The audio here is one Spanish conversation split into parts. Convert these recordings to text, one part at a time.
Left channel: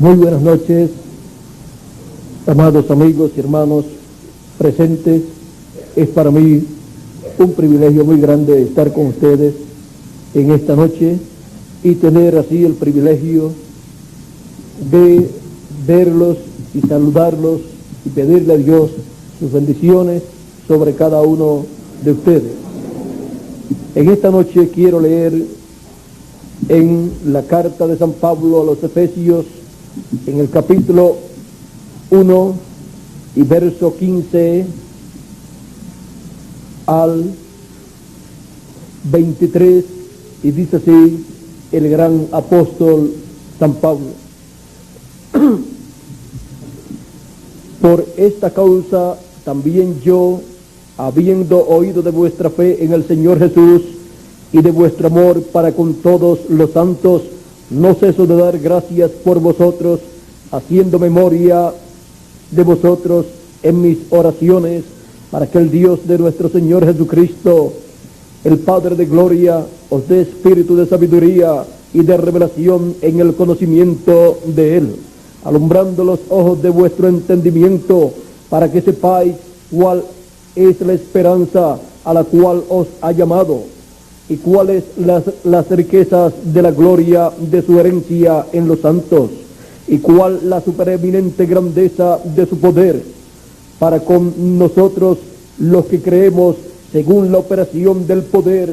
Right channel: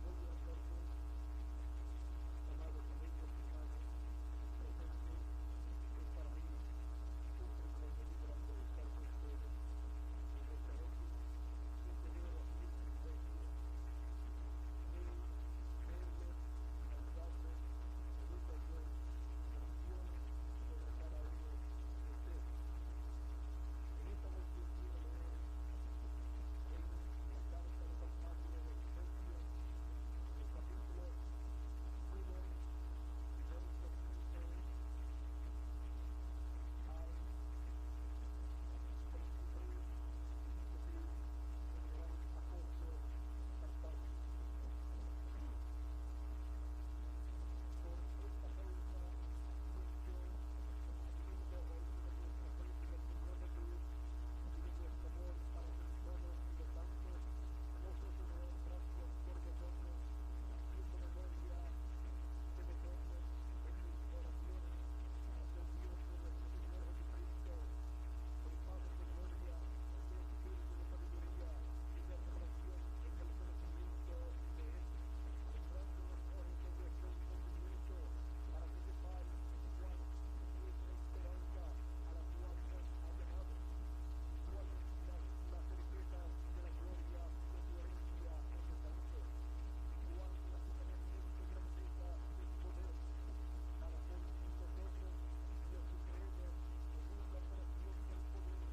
Muy buenas noches, amados amigos y hermanos presentes. Es para mí un privilegio muy grande estar con ustedes en esta noche y tener así el privilegio de verlos y saludarlos y pedirle a Dios sus bendiciones sobre cada uno de ustedes. En esta noche quiero leer en la carta de San Pablo a los Efesios, en el capítulo 1 y verso 15 al 23, y dice así el gran apóstol San Pablo: por esta causa también yo, habiendo oído de vuestra fe en el Señor Jesús y de vuestro amor para con todos los santos, no ceso de dar gracias por vosotros, haciendo memoria de vosotros en mis oraciones, para que el Dios de nuestro Señor Jesucristo, el Padre de gloria, os dé espíritu de sabiduría y de revelación en el conocimiento de Él, alumbrando los ojos de vuestro entendimiento, para que sepáis cuál es la esperanza a la cual os ha llamado, y cuáles las riquezas de la gloria de su herencia en los santos, y cuál la supereminente grandeza de su poder para con nosotros los que creemos, según la operación del poder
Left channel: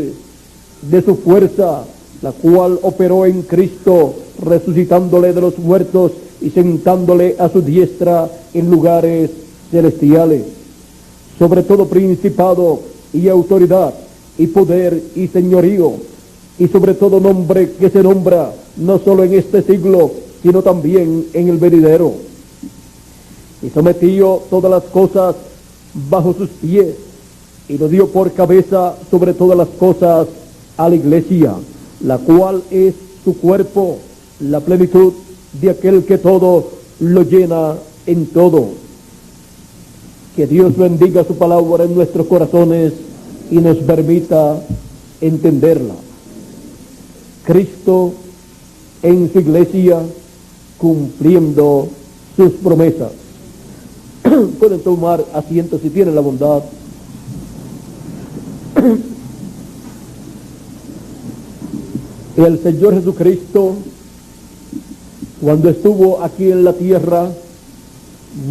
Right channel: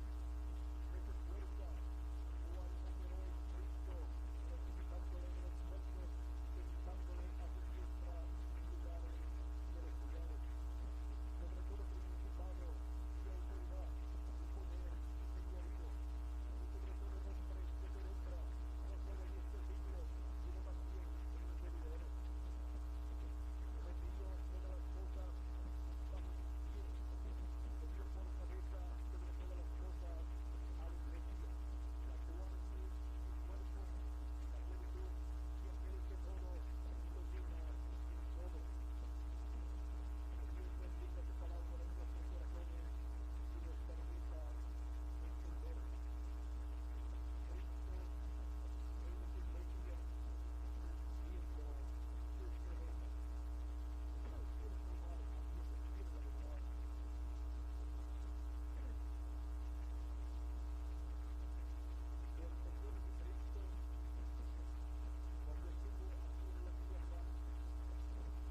de su fuerza, la cual operó en Cristo, resucitándole de los muertos y sentándole a su diestra en lugares celestiales, sobre todo principado y autoridad y poder y señorío, y sobre todo nombre que se nombra, no solo en este siglo, sino también en el venidero. Y sometió todas las cosas bajo sus pies, y lo dio por cabeza sobre todas las cosas a la iglesia, la cual es su cuerpo, la plenitud de aquel que todo lo llena en todo. Que Dios bendiga su palabra en nuestros corazones y nos permita entenderla. Cristo en su iglesia cumpliendo sus promesas. Pueden tomar asiento si tienen la bondad. El Señor Jesucristo, cuando estuvo aquí en la tierra,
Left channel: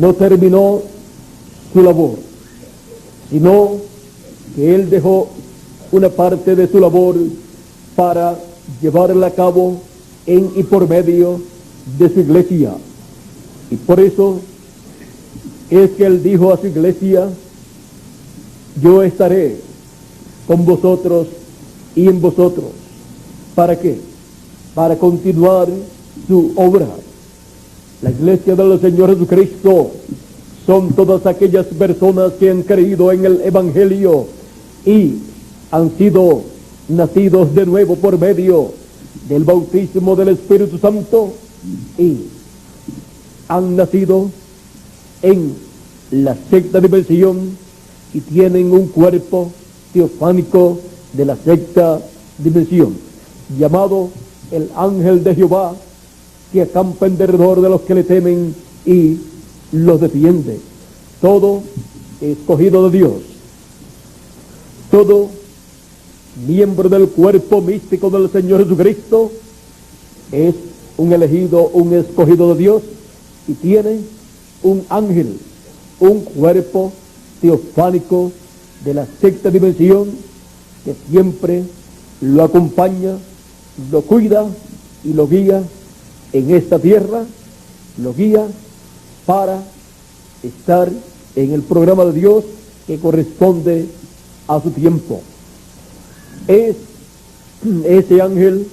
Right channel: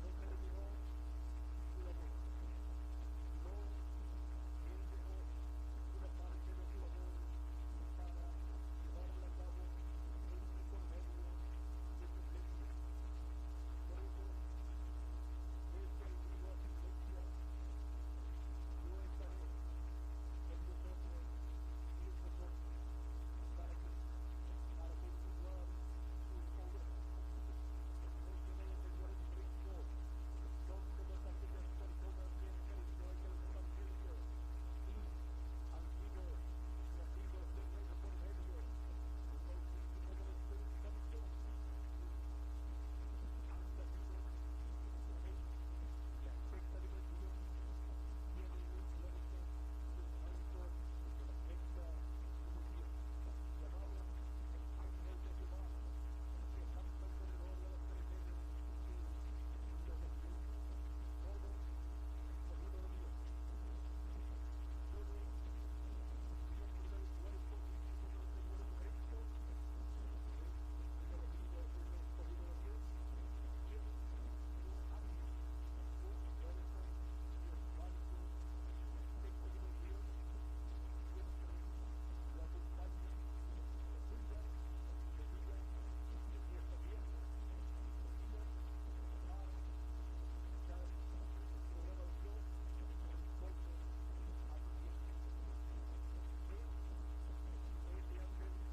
no terminó su labor, sino que Él dejó una parte de su labor para llevarla a cabo en y por medio de su iglesia. Y por eso es que Él dijo a su iglesia: yo estaré con vosotros y en vosotros. ¿Para qué? Para continuar su obra. La iglesia del Señor Jesucristo son todas aquellas personas que han creído en el Evangelio y han sido nacidos de nuevo por medio del bautismo del Espíritu Santo, y han nacido en la sexta dimensión y tienen un cuerpo teofánico de la sexta dimensión, llamado el ángel de Jehová, que acampa en derredor de los que le temen y los defiende. Todo escogido de Dios, todo miembro del cuerpo místico del Señor Jesucristo es un elegido, un escogido de Dios, y tiene un ángel, un cuerpo teofánico de la sexta dimensión, que siempre lo acompaña, lo cuida y lo guía en esta tierra, lo guía para estar en el programa de Dios que corresponde a su tiempo. Es ese ángel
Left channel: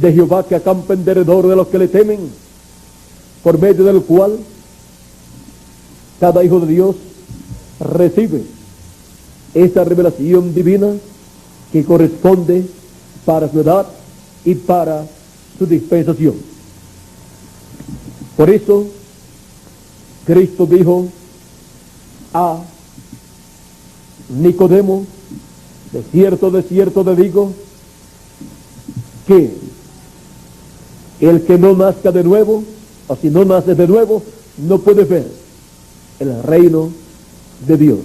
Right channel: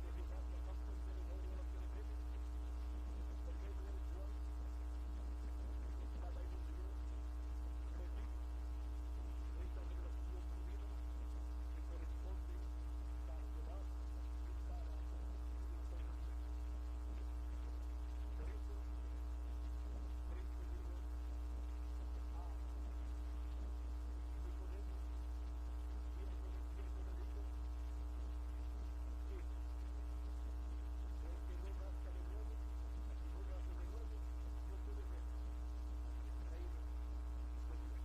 de Jehová que acampa en derredor de los que le temen, por medio del cual cada hijo de Dios recibe esa revelación divina que corresponde para su edad y para su dispensación. Por eso Cristo dijo a Nicodemo: de cierto te digo, que El que no nazca de nuevo, o si no nace de nuevo, no puede ver el reino de Dios.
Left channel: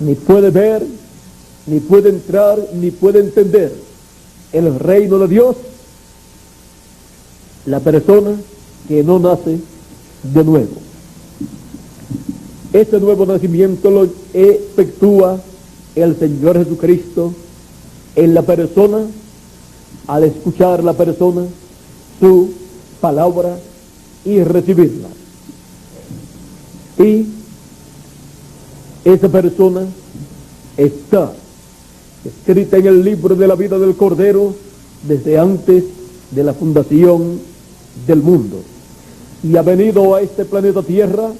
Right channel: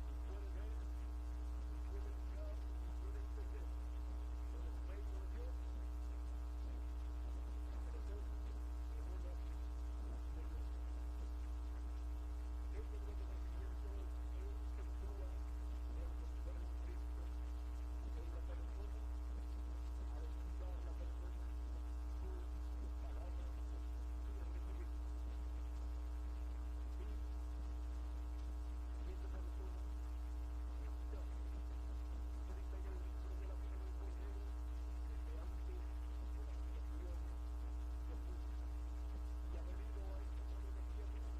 Ni puede ver, ni puede entrar, ni puede entender el reino de Dios la persona que no nace de nuevo. Este nuevo nacimiento lo efectúa el Señor Jesucristo en la persona, al escuchar la persona su palabra y recibirla. Y esa persona está escrita en el libro de la vida del Cordero desde antes de la fundación del mundo, y ha venido a este planeta Tierra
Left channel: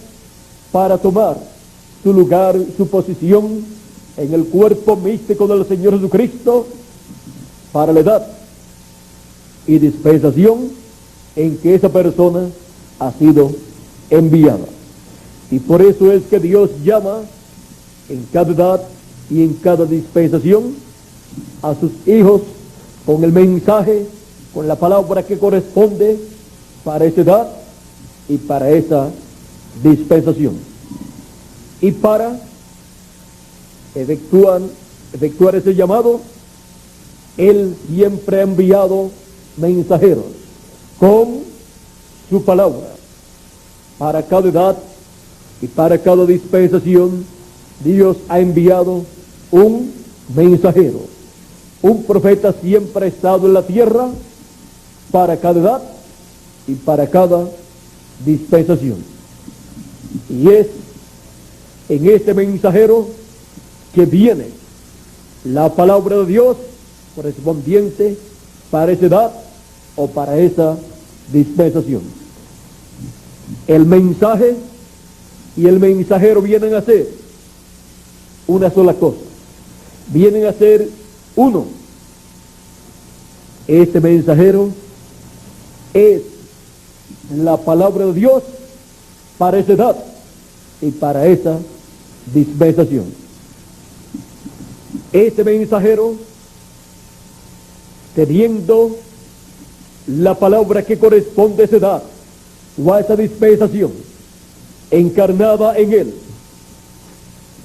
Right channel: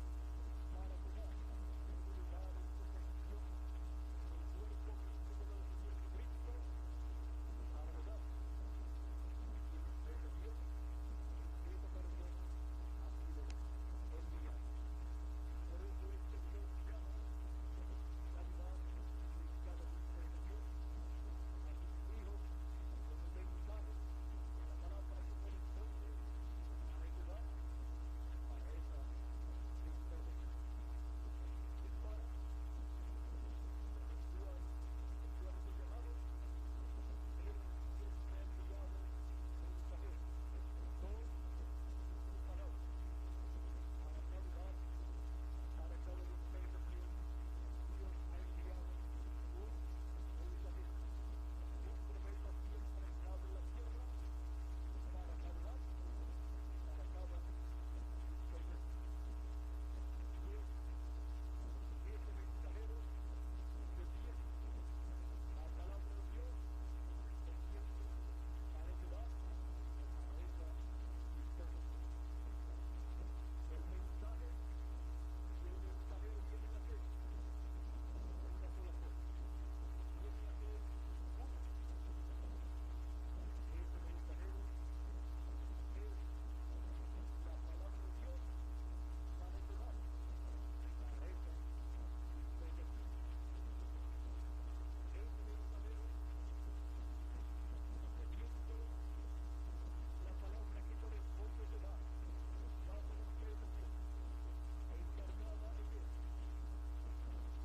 para tomar su lugar, su posición en el cuerpo místico del Señor Jesucristo para la edad y dispensación en que esa persona ha sido enviada. Y por eso es que Dios llama en cada edad y en cada dispensación a sus hijos con el mensaje, con la palabra que corresponde para esa edad y para esa dispensación. Y para efectuar ese llamado, Él siempre ha enviado mensajeros con su palabra. Para cada edad y para cada dispensación, Dios ha enviado un mensajero. Un profeta siempre ha estado en la tierra para cada edad y para cada dispensación. Y es en este mensajero que viene la palabra de Dios correspondiente para esa edad o para esa dispensación. El mensaje y el mensajero vienen a ser una sola cosa, vienen a ser uno. Este mensajero es la palabra de Dios para esa edad y para esa dispensación. Este mensajero, teniendo la palabra que corresponde a esa edad o a esa dispensación encarnada en él,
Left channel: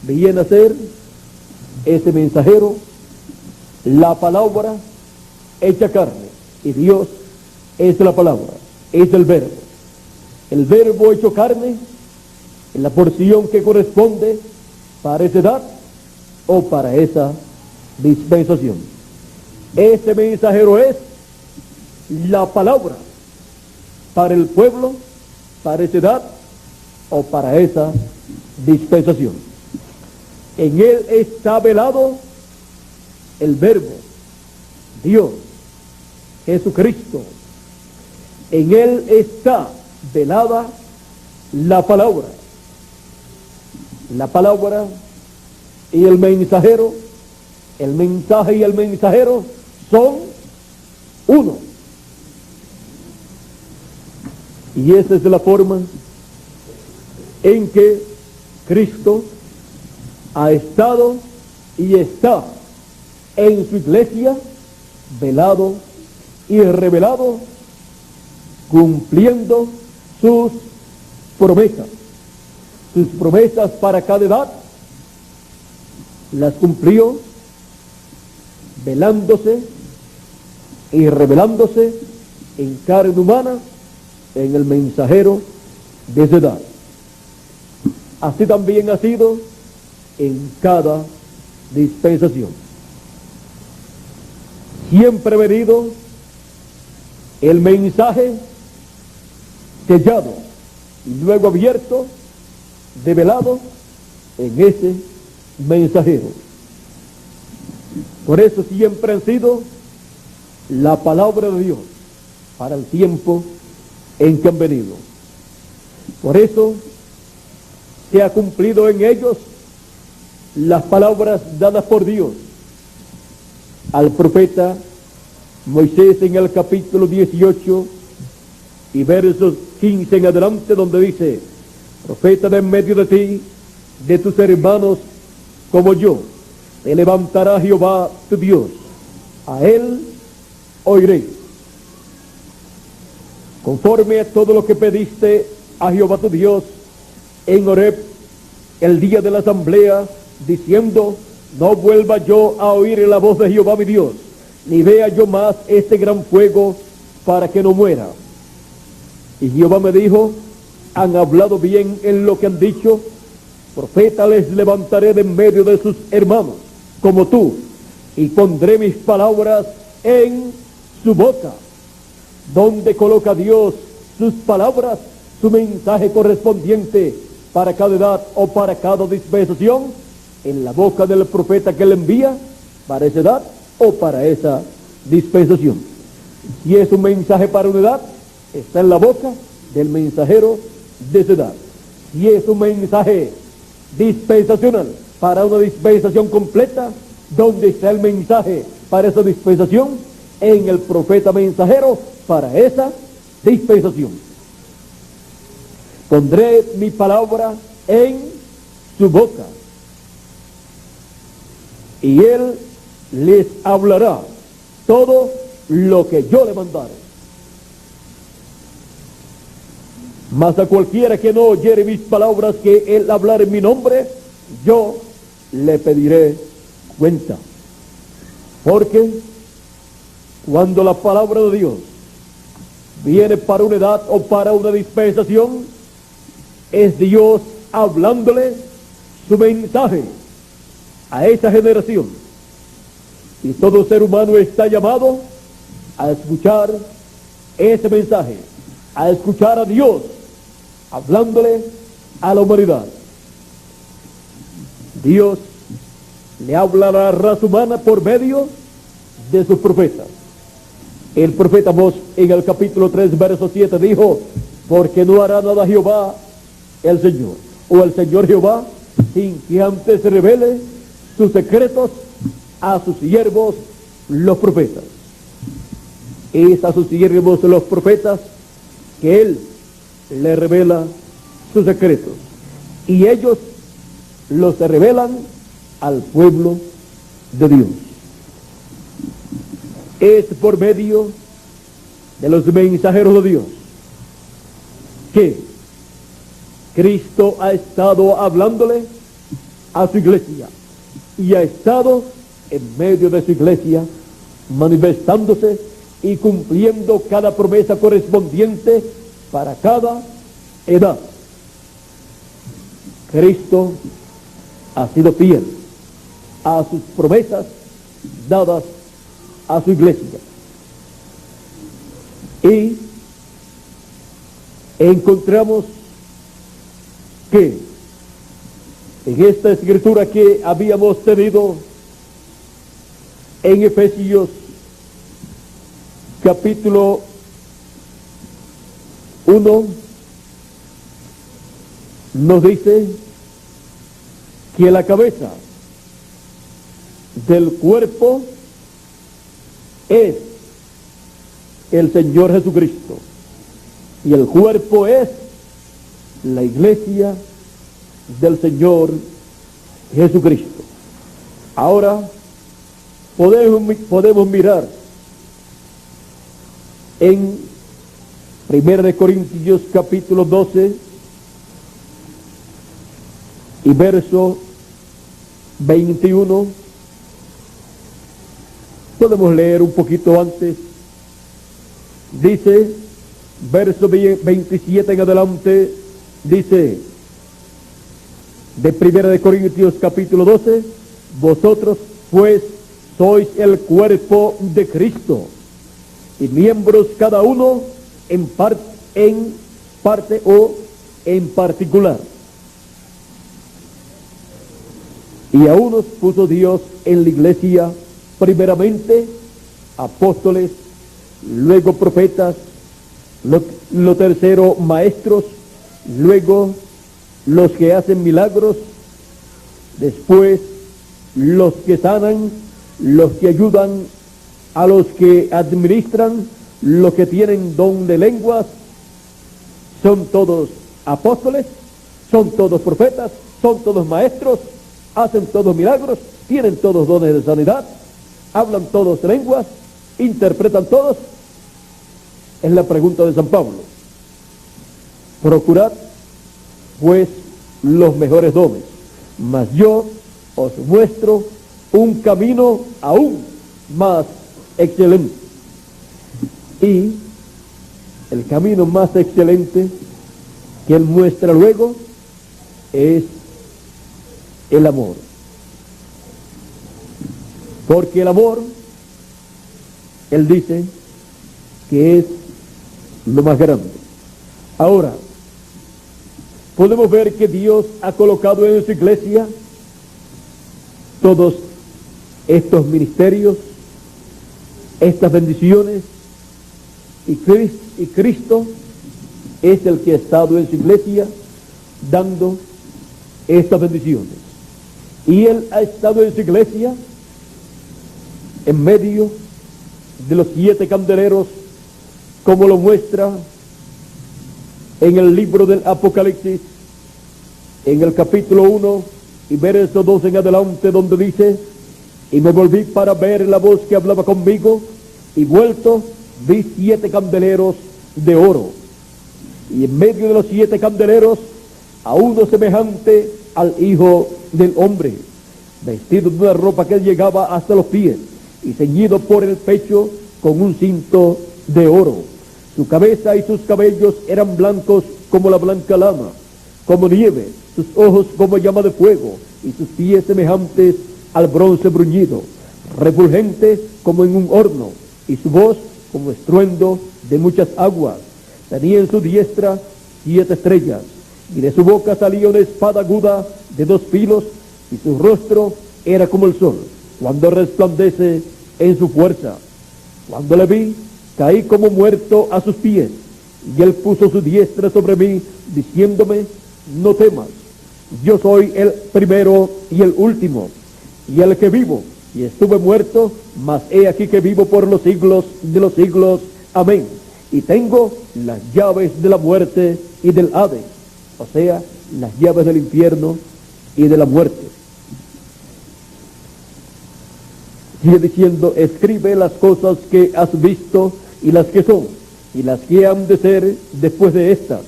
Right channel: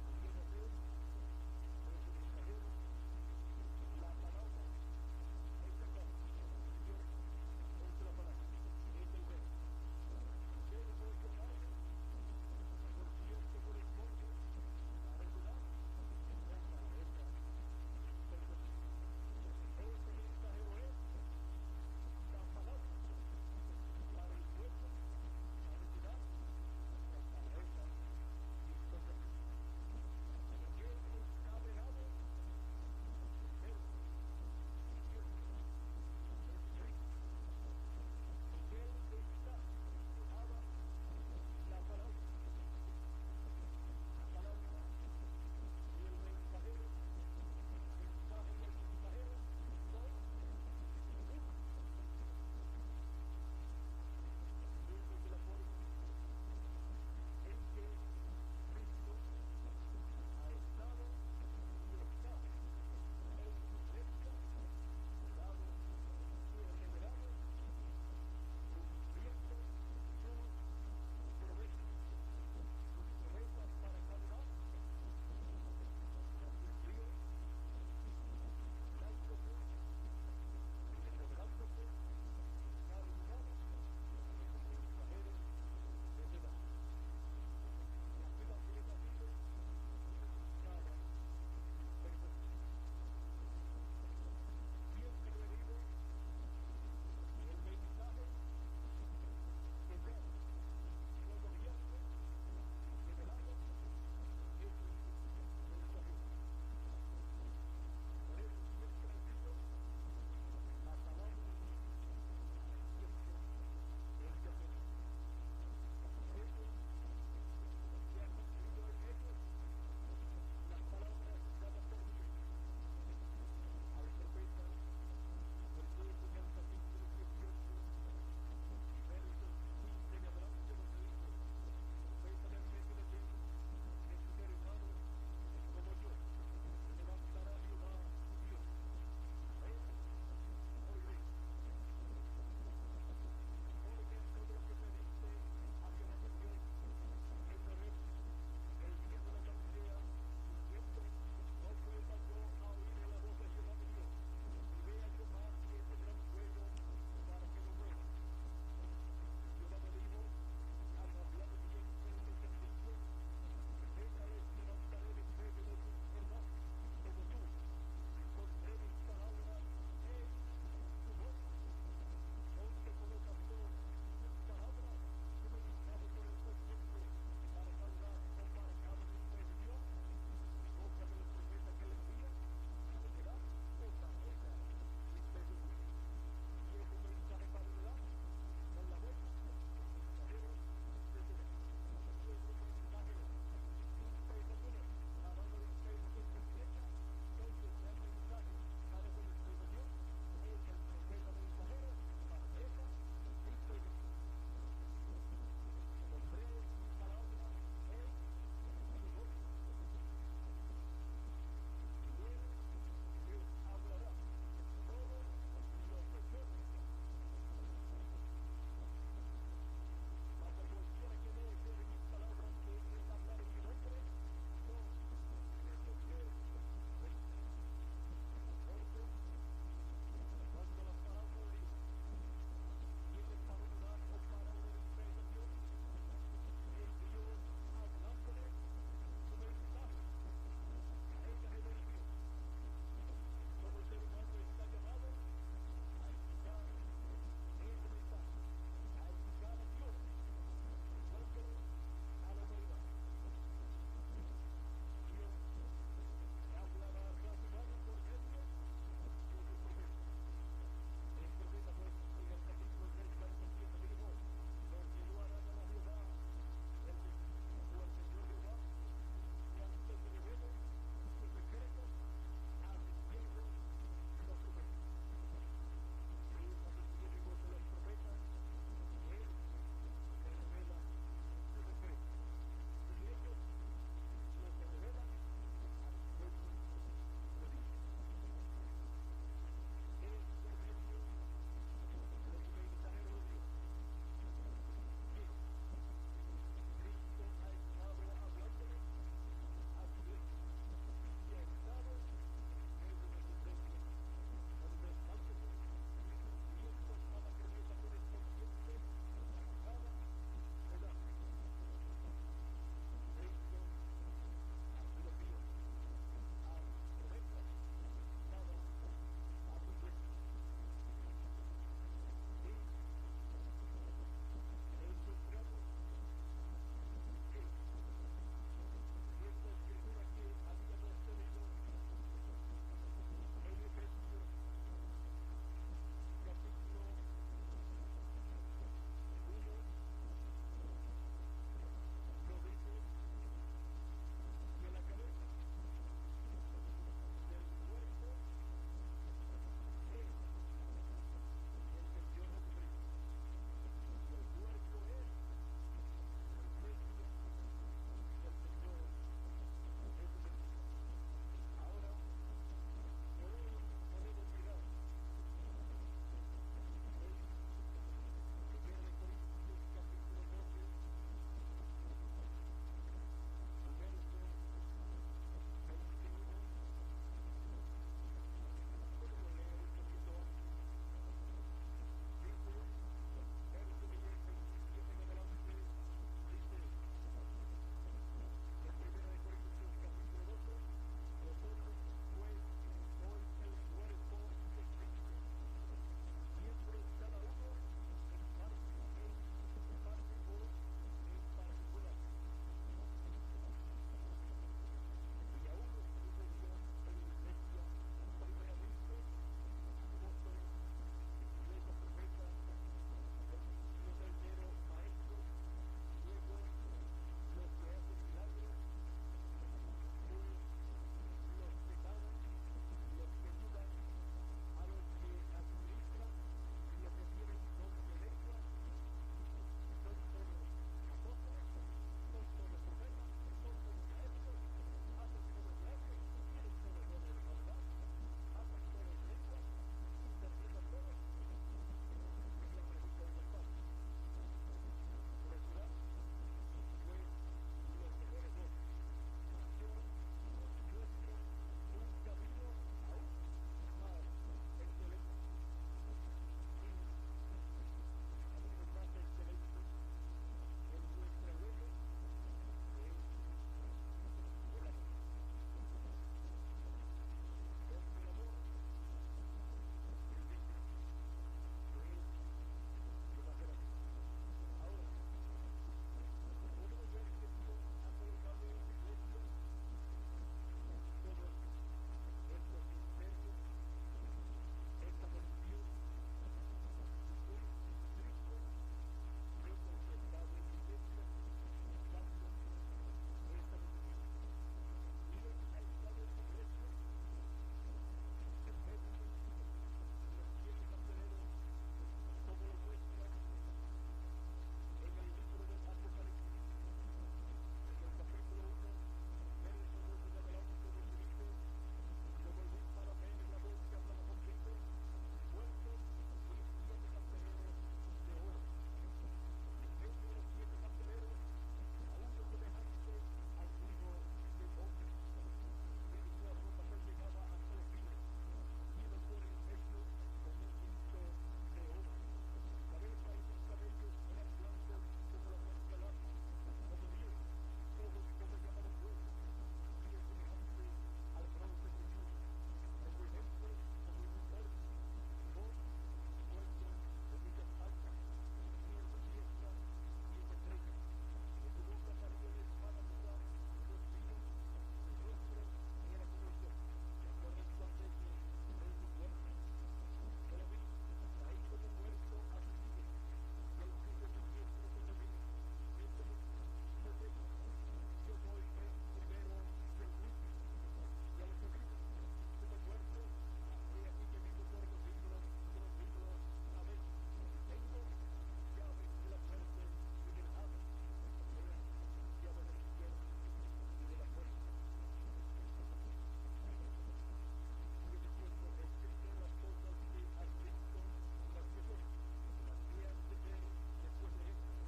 viene a ser ese mensajero la palabra hecha carne, y Dios es la palabra, es el verbo. El verbo hecho carne en la porción que corresponde para esa edad o para esa dispensación. Ese mensajero es la palabra para el pueblo, para esa edad o para esa dispensación. En él está velado el verbo, Dios, Jesucristo. En él está velada la palabra y el mensajero. El mensaje y el mensajero son uno. Y esa es la forma en que Cristo ha estado y está en su iglesia, velado y revelado, cumpliendo sus promesas para cada edad. Las cumplió velándose y revelándose en carne humana en el mensajero de esa edad. Así también ha sido en cada dispensación. Siempre ha venido el mensaje sellado y luego abierto, develado en ese mensajero. Por eso siempre han sido la palabra de Dios para el tiempo en que han venido. Por eso se ha cumplido en ellos las palabras dadas por Dios al profeta Moisés en el capítulo 18 y versos 15 en adelante, donde dice: profeta de en medio de ti, de tus hermanos como yo, te levantará Jehová tu Dios, a él oiréis. conforme a todo lo que pediste a Jehová tu Dios en Horeb el día de la asamblea, diciendo: no vuelva yo a oír la voz de Jehová mi Dios, ni vea yo más este gran fuego, para que no muera. Y Jehová me dijo: han hablado bien en lo que han dicho, profeta les levantaré de en medio de sus hermanos, como tú, y pondré mis palabras en su boca. Donde coloca Dios sus palabras, su mensaje correspondiente para cada edad o para cada dispensación, en la boca del profeta que le envía para esa edad o para esa dispensación. Si es un mensaje para una edad, está en la boca del mensajero de esa edad. Si es un mensaje dispensacional para una dispensación completa, ¿dónde está el mensaje para esa dispensación? En el profeta mensajero para esa dispensación. Pondré mi palabra en su boca, y él les hablará todo lo que yo le mandare. Mas a cualquiera que no oyere mis palabras, que él hablar en mi nombre, yo le pediré cuenta. Porque cuando la palabra de Dios viene para una edad o para una dispensación, es Dios hablándole su mensaje a esa generación. Y todo ser humano está llamado a escuchar ese mensaje, a escuchar a Dios hablándole a la humanidad. Dios le habla a la raza humana por medio de sus profetas. El profeta Amós en el capítulo 3, verso 7 dijo: porque no hará nada Jehová el Señor, o el Señor Jehová, sin que antes revele sus secretos a sus siervos los profetas. Es a sus siervos los profetas que él le revela sus secretos, y ellos los revelan al pueblo de Dios. Es por medio de los mensajeros de Dios que Cristo ha estado hablándole a su iglesia, y ha estado en medio de su iglesia manifestándose y cumpliendo cada promesa correspondiente para cada edad. Cristo ha sido fiel a sus promesas dadas a su iglesia. Y encontramos que en esta escritura que habíamos tenido en Efesios capítulo 1, nos dice que la cabeza del cuerpo es el Señor Jesucristo, y el cuerpo es la iglesia del Señor Jesucristo. Ahora podemos mirar en 1 Corintios capítulo 12 y verso 21. Podemos leer un poquito antes. Dice, verso 27 en adelante, dice, de 1 Corintios capítulo 12, vosotros pues sois el cuerpo de Cristo, y miembros cada uno en parte o en particular. Y a unos puso Dios en la iglesia, primeramente apóstoles, luego profetas, lo tercero maestros, luego los que hacen milagros, después los que sanan, los que ayudan a los que administran, los que tienen don de lenguas. Son todos apóstoles, son todos profetas, son todos maestros, hacen todos milagros, tienen todos dones de sanidad, hablan todos lenguas, interpretan todos. Es la pregunta de San Pablo. Procurad, pues, los mejores dones, mas yo os muestro un camino aún más excelente. Y el camino más excelente que él muestra luego es el amor. Porque el amor, él dice que es lo más grande. Ahora, podemos ver que Dios ha colocado en su iglesia todos estos ministerios, estas bendiciones, y Cristo es el que ha estado en su iglesia dando estas bendiciones. Y Él ha estado en su iglesia en medio de los 7 candeleros, como lo muestra en el libro del Apocalipsis, en el capítulo 1 y verso 2 en adelante, donde dice: y me volví para ver la voz que hablaba conmigo, y vuelto vi 7 candeleros de oro, y en medio de los 7 candeleros a uno semejante al Hijo del Hombre, vestido de una ropa que llegaba hasta los pies, y ceñido por el pecho con un cinto de oro. Su cabeza y sus cabellos eran blancos como la blanca lana, como nieve, sus ojos como llama de fuego, y sus pies semejantes al bronce bruñido, refulgente como en un horno, y su voz como estruendo de muchas aguas. Tenía en su diestra 7 estrellas, y de su boca salía una espada aguda de 2 filos, y su rostro era como el sol, cuando resplandece en su fuerza. Cuando le vi, caí como muerto a sus pies, y él puso su diestra sobre mí, diciéndome: no temas, yo soy el primero y el último, y el que vivo, y estuve muerto, mas he aquí que vivo por los siglos de los siglos. Amén. Y tengo las llaves de la muerte y del Hades, o sea, las llaves del infierno y de la muerte. Sigue diciendo: escribe las cosas que has visto, y las que son, y las que han de ser después de estas.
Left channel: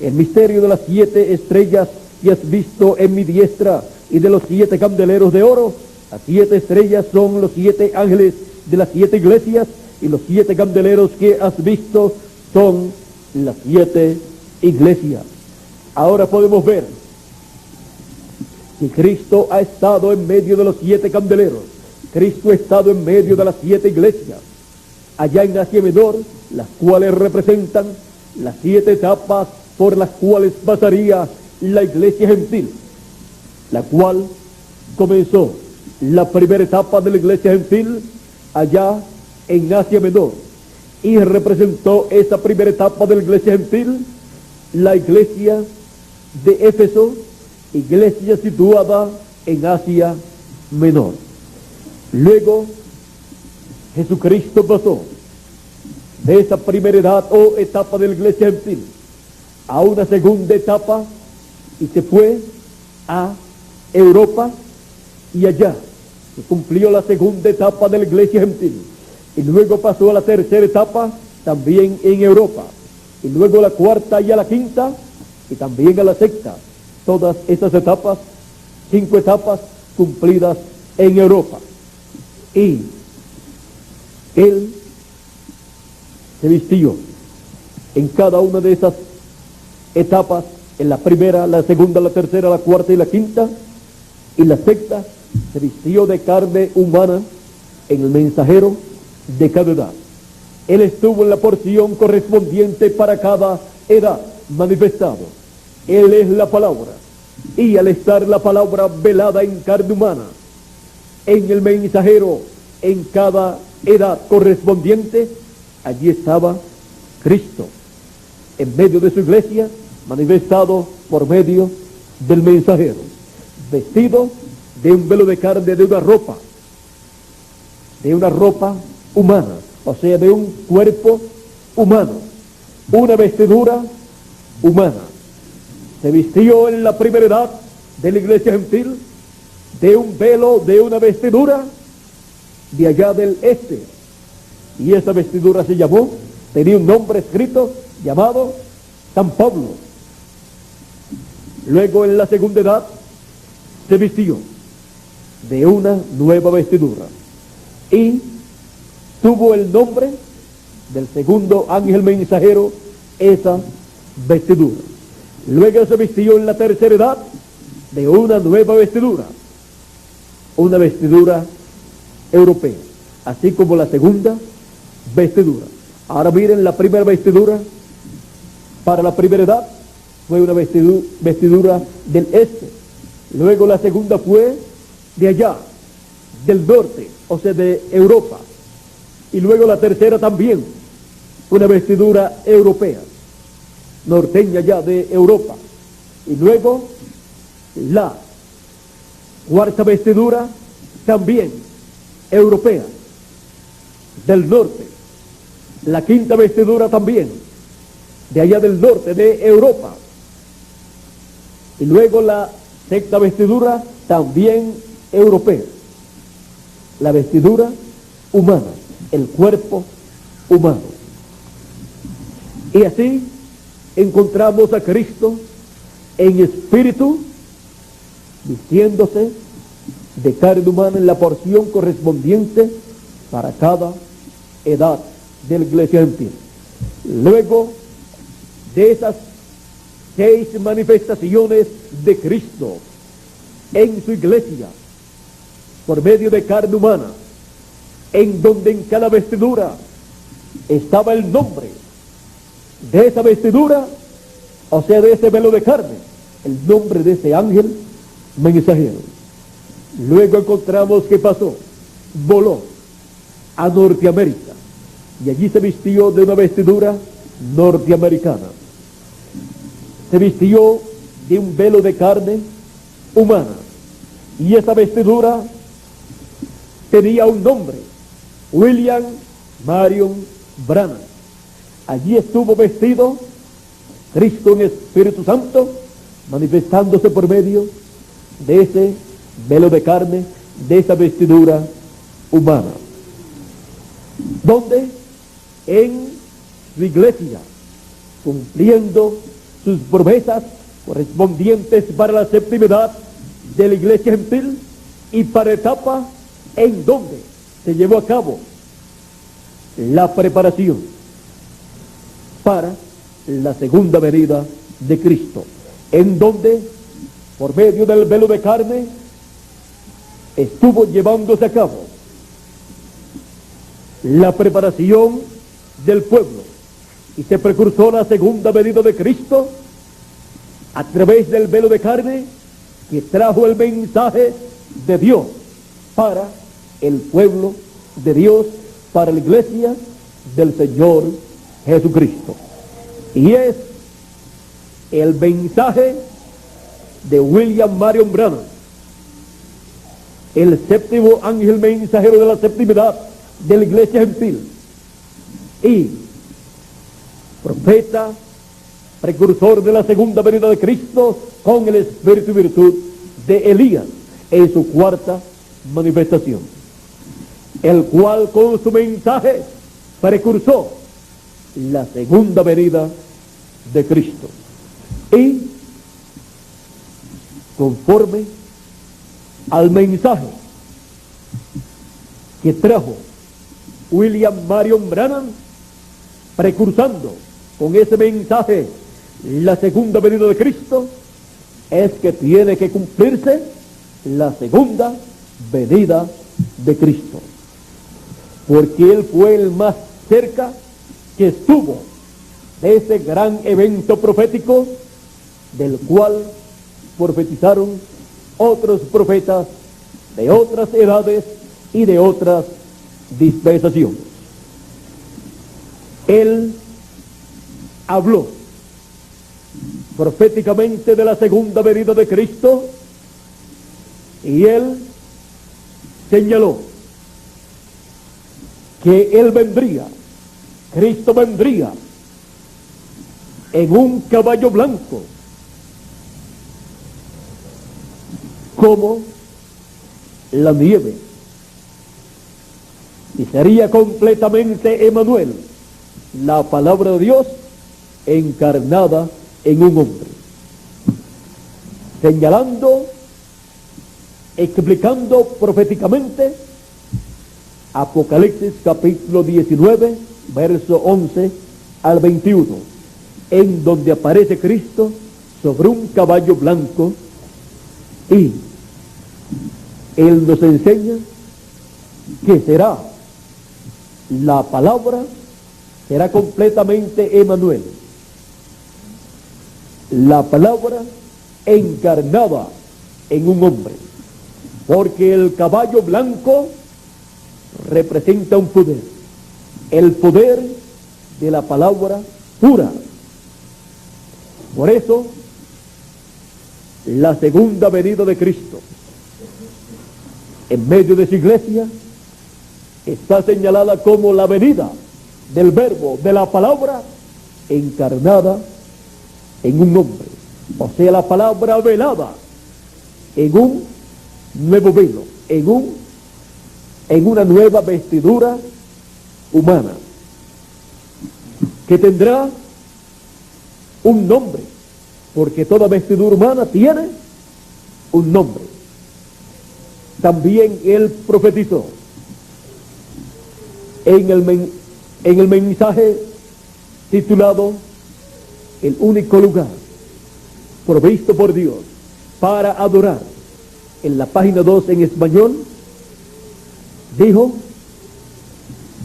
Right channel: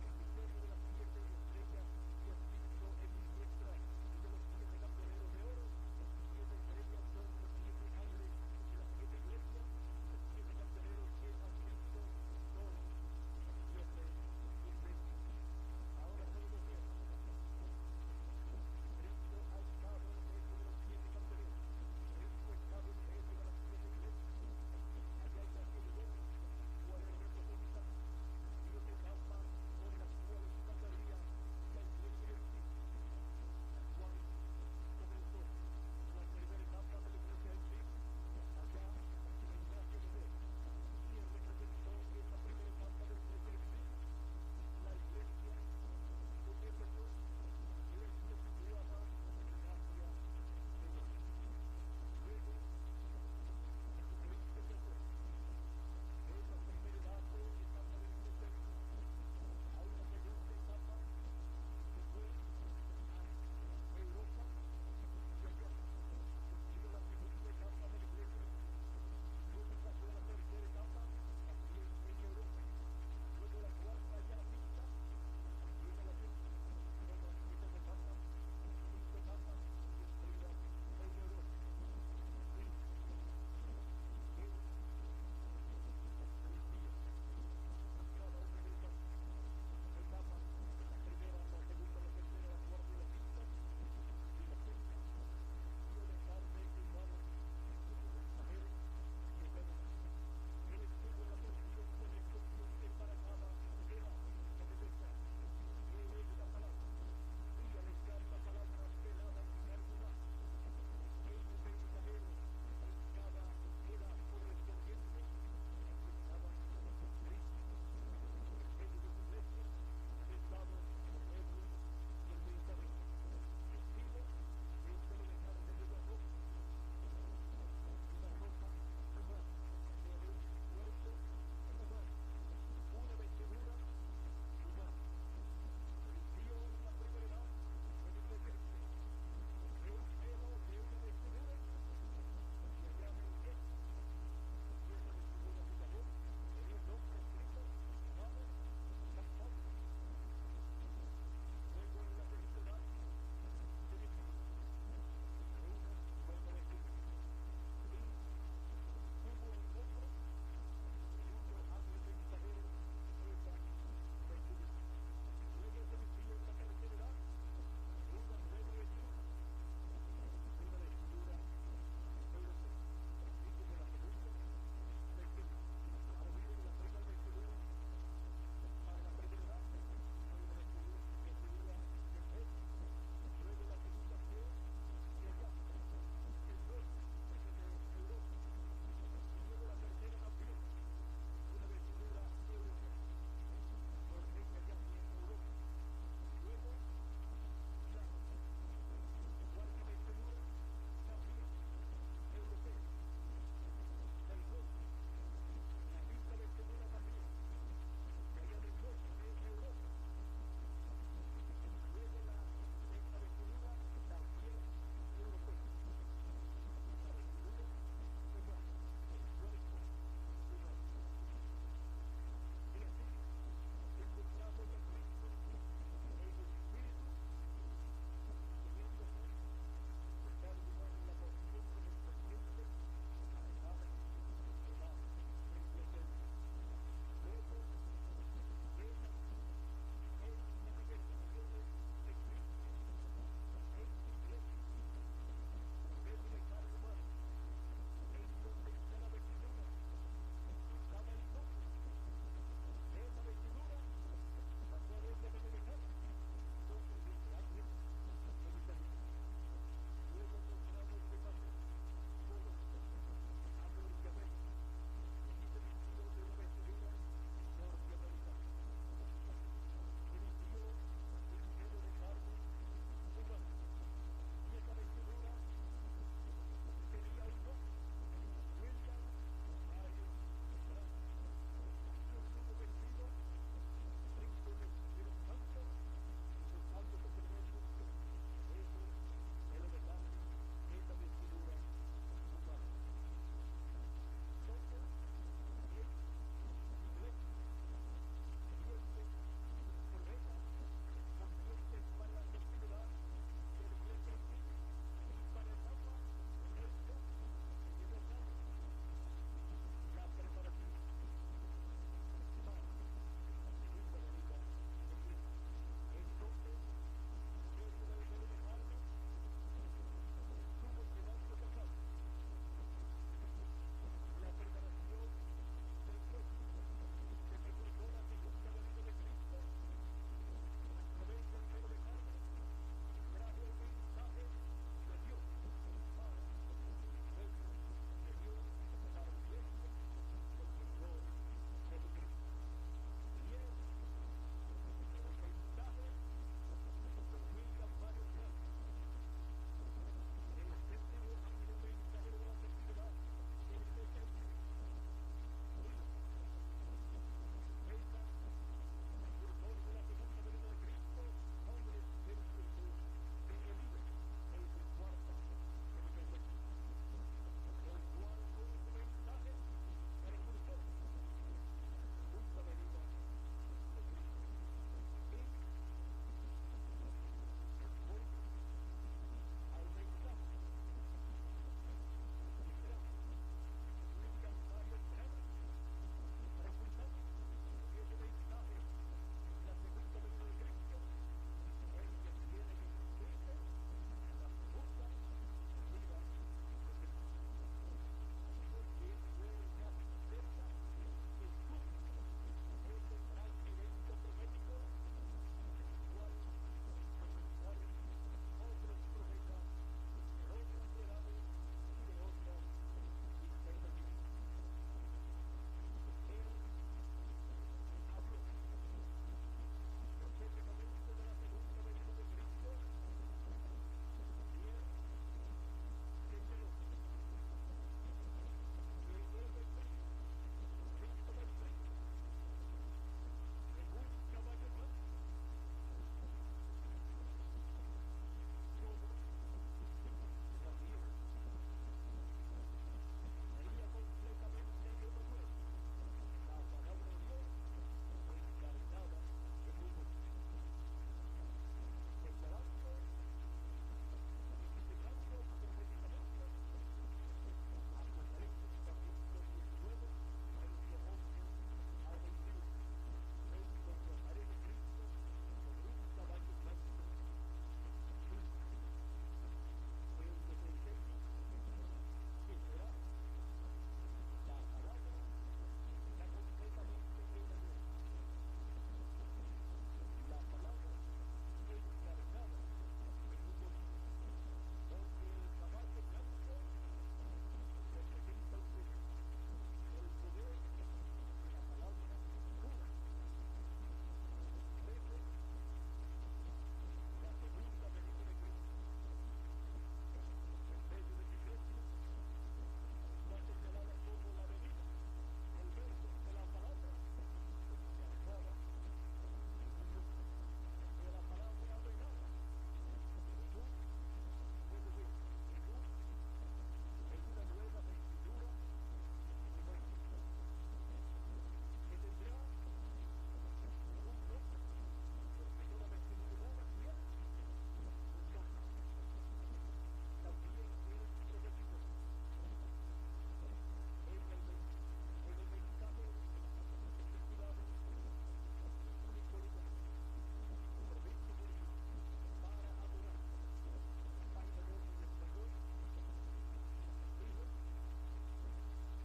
El misterio de las 7 estrellas que has visto en mi diestra, y de los 7 candeleros de oro. Las 7 estrellas son los 7 ángeles de las 7 iglesias, y los 7 candeleros que has visto son las 7 iglesias. Ahora podemos ver que Cristo ha estado en medio de los 7 candeleros. Cristo ha estado en medio de las 7 iglesias, allá en Asia Menor, las cuales representan las 7 etapas por las cuales pasaría la iglesia gentil, la cual comenzó la primera etapa de la iglesia gentil allá en Asia Menor, y representó esa primera etapa de la iglesia gentil la iglesia de Éfeso, iglesia situada en Asia Menor. Luego Jesucristo pasó de esa primera edad o etapa de la iglesia gentil a una segunda etapa, y se fue a Europa, y allá se cumplió la segunda etapa de la iglesia gentil, y luego pasó a la tercera etapa también en Europa, y luego a la cuarta y a la quinta, y también a la sexta. Todas esas etapas, 5 etapas cumplidas en Europa. Y él se vistió en cada una de esas etapas, en la primera, la segunda, la tercera, la cuarta y la quinta, y la sexta se vistió de carne humana en el mensajero de cada edad. Él estuvo en la porción correspondiente para cada edad manifestado. Él es la palabra, y al estar la palabra velada en carne humana, en el mensajero, en cada edad correspondiente, allí estaba Cristo, en medio de su iglesia, manifestado por medio del mensajero, vestido de un velo de carne, de una ropa humana, o sea, de un cuerpo humano, una vestidura humana. Se vistió en la primera edad de la iglesia gentil de un velo, de una vestidura de allá del este, y esa vestidura se llamó tenía un nombre escrito llamado San Pablo. Luego, en la segunda edad, se vistió de una nueva vestidura y tuvo el nombre del segundo ángel mensajero, esa vestidura. Luego se vistió en la tercera edad de una nueva vestidura, una vestidura europea, así como la segunda vestidura. Ahora miren, la primera vestidura para la primera edad fue una vestidura del este. Luego la segunda fue de allá, del norte, o sea, de Europa. Y luego la tercera también, una vestidura europea, norteña ya de Europa. Y luego la cuarta vestidura también europea, del norte. La quinta vestidura también, de allá del norte, de Europa. Y luego la sexta vestidura también europea. La vestidura humana, el cuerpo humano. Y así encontramos a Cristo en espíritu, vistiéndose de carne humana en la porción correspondiente para cada edad de la iglesia gentil. Luego de esas 6 manifestaciones de Cristo en su iglesia, por medio de carne humana, en donde en cada vestidura estaba el nombre de esa vestidura, o sea, de ese velo de carne, el nombre de ese ángel mensajero. Luego encontramos que pasó, voló a Norteamérica, y allí se vistió de una vestidura norteamericana. Se vistió de un velo de carne humana, y esa vestidura tenía un nombre, William Marion Branham. Allí estuvo vestido Cristo en Espíritu Santo, manifestándose por medio de ese velo de carne, de esa vestidura humana. Donde en su iglesia, cumpliendo sus promesas correspondientes para la séptima edad de la iglesia gentil y para etapa en donde se llevó a cabo la preparación para la segunda venida de Cristo, en donde por medio del velo de carne estuvo llevándose a cabo la preparación del pueblo, y se precursó la segunda venida de Cristo a través del velo de carne que trajo el mensaje de Dios para el pueblo de Dios, para la iglesia del Señor Jesucristo. Y es el mensaje de William Marion Branham, el séptimo ángel mensajero de la séptima edad de la iglesia gentil y profeta precursor de la segunda venida de Cristo con el espíritu y virtud de Elías en su cuarta manifestación, el cual con su mensaje precursó la segunda venida de Cristo. Y conforme al mensaje que trajo William Marion Branham, precursando con ese mensaje la segunda venida de Cristo, es que tiene que cumplirse la segunda venida de Cristo, porque Él fue el más cerca que estuvo de ese gran evento profético del cual profetizaron otros profetas de otras edades y de otras dispensaciones. Él habló proféticamente de la segunda venida de Cristo y él señaló que él vendría, Cristo vendría en un caballo blanco, como la nieve, y sería completamente Emanuel, la palabra de Dios encarnada en un hombre, señalando, explicando proféticamente Apocalipsis capítulo 19, verso 11 al 21, en donde aparece Cristo sobre un caballo blanco, y Él nos enseña que será la palabra, será completamente Emmanuel, la palabra encarnada en un hombre, porque el caballo blanco representa un poder, el poder de la palabra pura. Por eso, la segunda venida de Cristo en medio de su iglesia está señalada como la venida del verbo, de la palabra encarnada en un hombre, o sea, la palabra velada en un nuevo velo, en una nueva vestidura humana, que tendrá un nombre, porque toda vestidura humana tiene un nombre. También Él profetizó en el mensaje titulado El único lugar provisto por Dios para adorar, en la página 2 en español, dijo:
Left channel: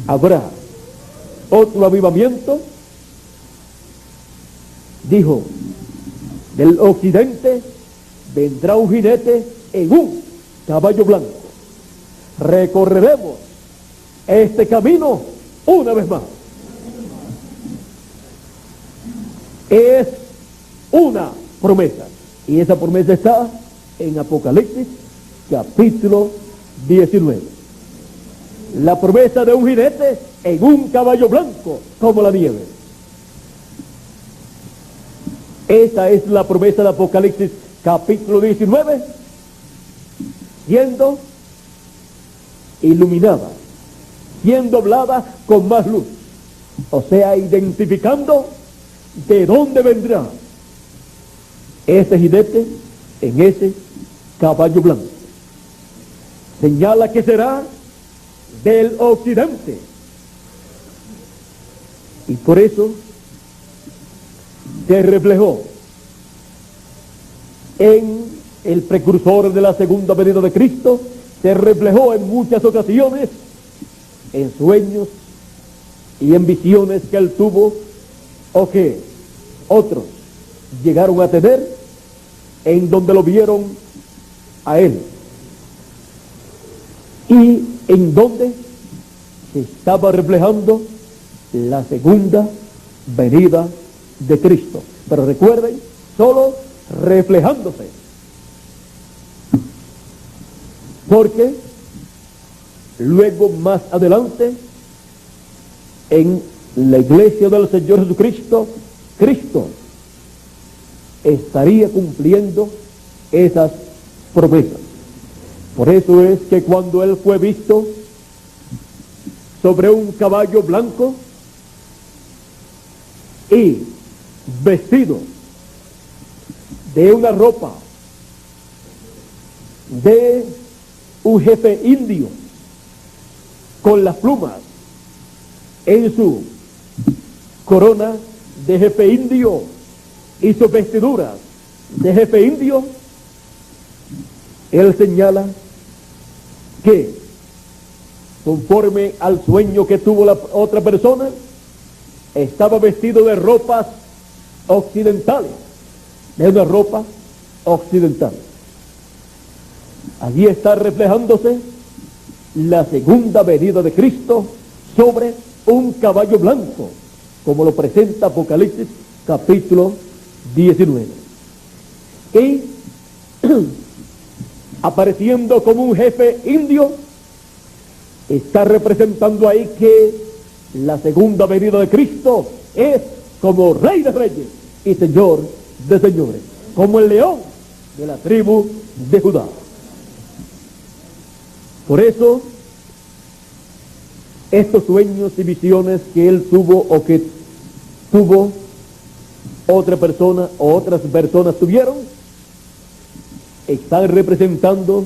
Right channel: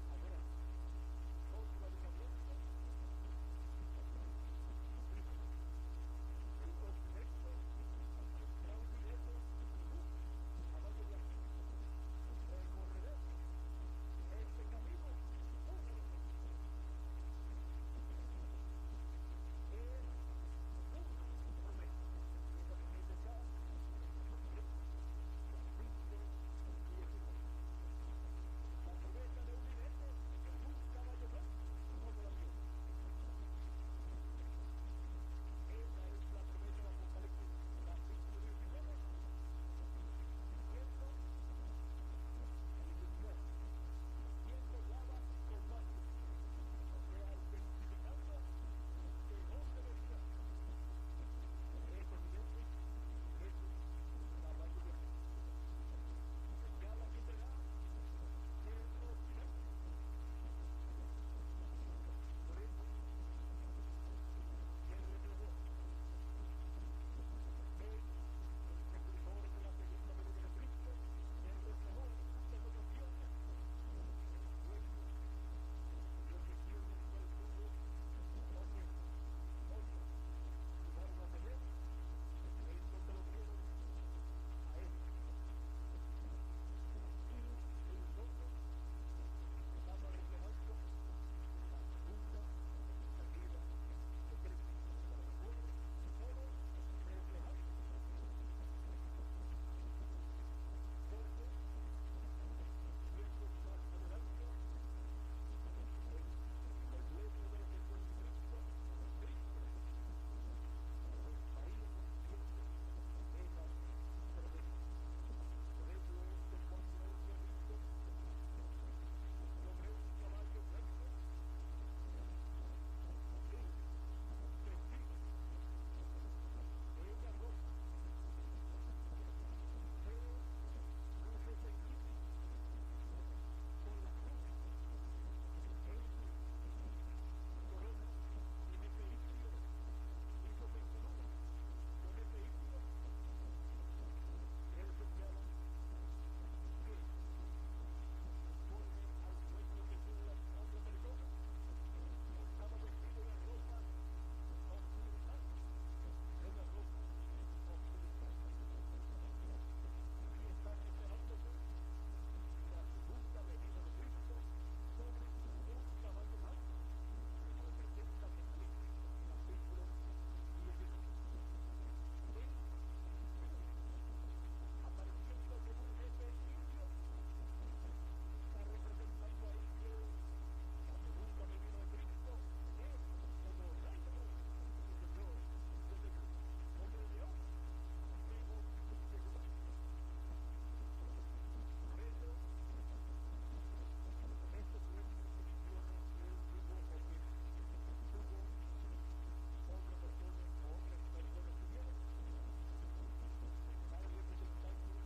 habrá otro avivamiento, dijo, del occidente vendrá un jinete en un caballo blanco, recorreremos este camino una vez más. Es una promesa, y esa promesa está en Apocalipsis capítulo 19. La promesa de un jinete en un caballo blanco como la nieve. Esa es la promesa de Apocalipsis capítulo 19, siendo iluminada, siendo hablada con más luz, o sea, identificando de dónde vendrá ese jinete en ese caballo blanco. Señala que será del occidente, y por eso se reflejó en el precursor de la segunda venida de Cristo, se reflejó en muchas ocasiones en sueños y en visiones que él tuvo o que otros llegaron a tener, en donde lo vieron a él y en donde se estaba reflejando la segunda venida de Cristo. Pero recuerden, solo reflejándose, porque luego más adelante en la iglesia del Señor Jesucristo, Cristo estaría cumpliendo esas promesas. Por eso es que cuando él fue visto sobre un caballo blanco y vestido de una ropa de un jefe indio, con las plumas en su corona de jefe indio y sus vestiduras de jefe indio, él señala que conforme al sueño que tuvo la otra persona, estaba vestido de ropas occidentales, de una ropa occidental. Allí está reflejándose la segunda venida de Cristo sobre un caballo blanco, como lo presenta Apocalipsis capítulo 19. Y apareciendo como un jefe indio, está representando ahí que la segunda venida de Cristo es como Rey de Reyes y Señor de Señores, como el león de la tribu de Judá. Por eso estos sueños y visiones que él tuvo o que tuvo otra persona o otras personas tuvieron, están representando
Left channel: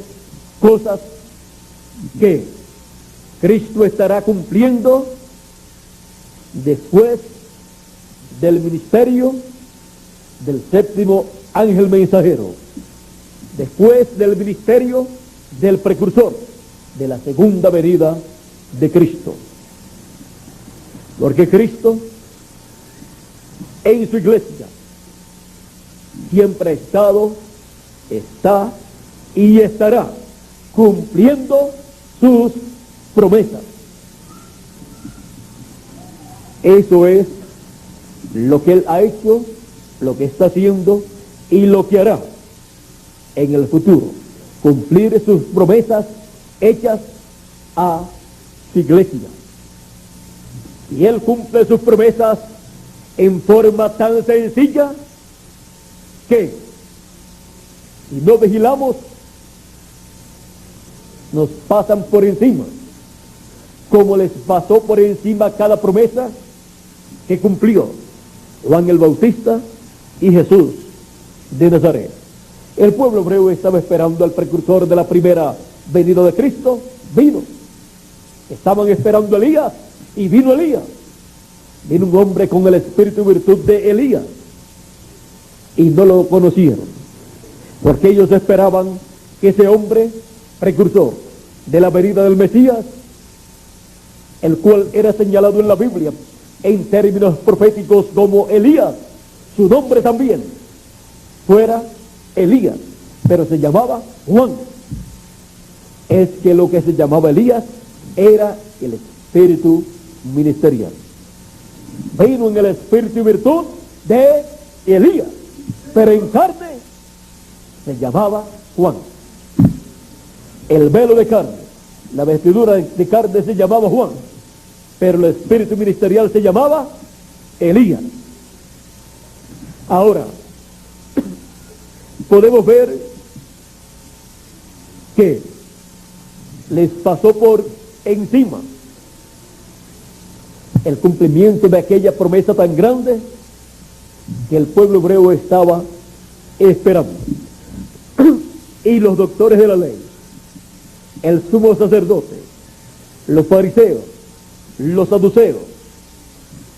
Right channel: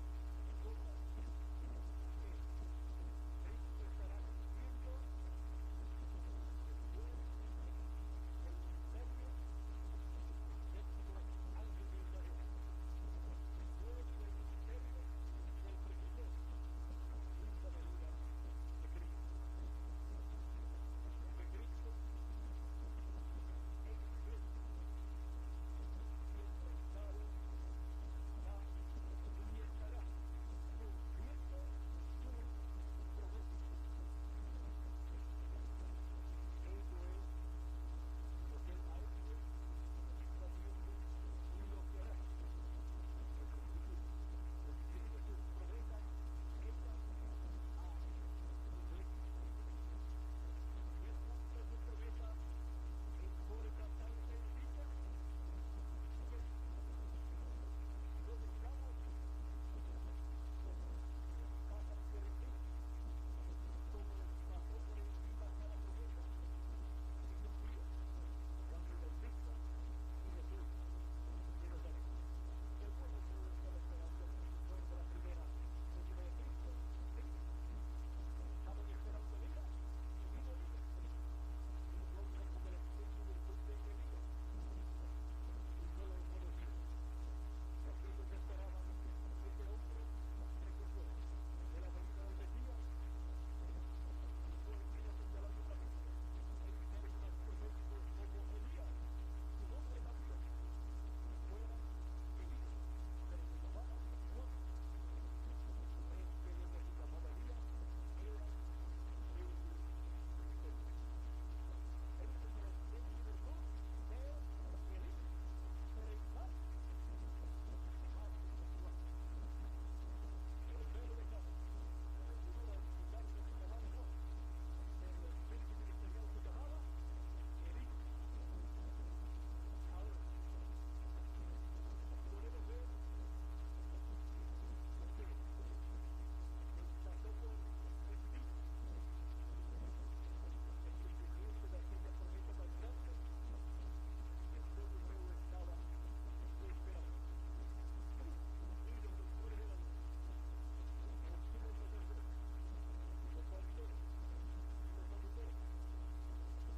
cosas que Cristo estará cumpliendo después del ministerio del séptimo ángel mensajero, después del ministerio del precursor de la segunda venida de Cristo. Porque Cristo en su iglesia siempre ha estado, está y estará cumpliendo sus promesas. Eso es lo que Él ha hecho, lo que está haciendo y lo que hará en el futuro. Cumplir sus promesas hechas a su iglesia. Y Él cumple sus promesas en forma tan sencilla que si no vigilamos nos pasan por encima, como les pasó por encima cada promesa que cumplió Juan el Bautista y Jesús de Nazaret. El pueblo hebreo estaba esperando al precursor de la primera venida de Cristo, vino. Estaban esperando a Elías y vino Elías. Vino un hombre con el espíritu y virtud de Elías y no lo conocieron, porque ellos esperaban que ese hombre precursor de la venida del Mesías, el cual era señalado en la Biblia en términos proféticos como Elías, su nombre también fuera Elías, pero se llamaba Juan. Es que lo que se llamaba Elías era el espíritu ministerial. Vino en el espíritu y virtud de Elías, pero en carne se llamaba Juan. El velo de carne, la vestidura de carne se llamaba Juan, pero el espíritu ministerial se llamaba Elías. Ahora, podemos ver que les pasó por encima el cumplimiento de aquella promesa tan grande que el pueblo hebreo estaba esperando. Y los doctores de la ley, el sumo sacerdote, los fariseos, los saduceos,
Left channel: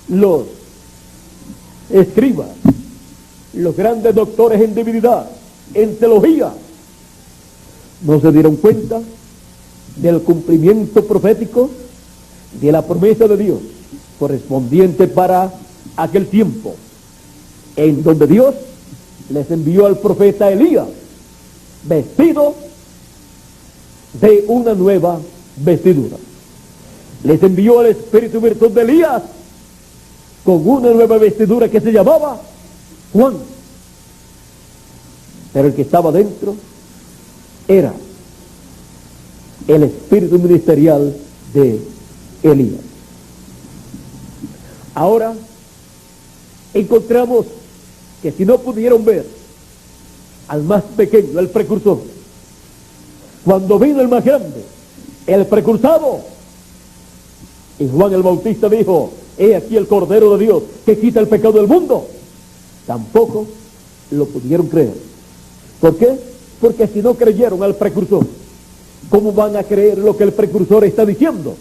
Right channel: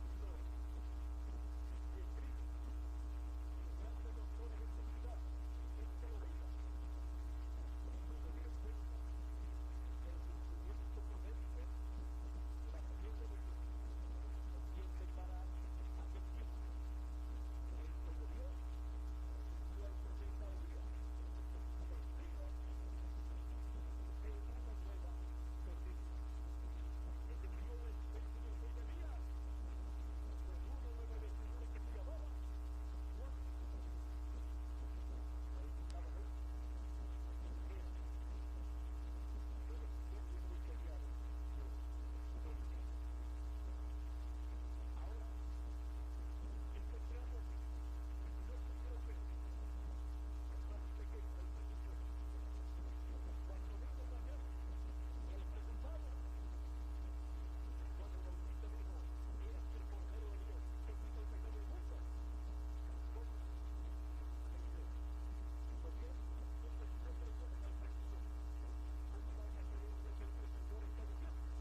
los escribas, los grandes doctores en divinidad, en teología, no se dieron cuenta del cumplimiento profético de la promesa de Dios correspondiente para aquel tiempo, en donde Dios les envió al profeta Elías vestido de una nueva vestidura. Les envió el espíritu y virtud de Elías con una nueva vestidura que se llamaba Juan. Pero el que estaba dentro era el espíritu ministerial de Elías. Ahora encontramos que si no pudieron ver al más pequeño, el precursor, cuando vino el más grande, el precursado, y Juan el Bautista dijo: he aquí el Cordero de Dios que quita el pecado del mundo, tampoco lo pudieron creer. ¿Por qué? Porque si no creyeron al precursor, ¿cómo van a creer lo que el precursor está diciendo?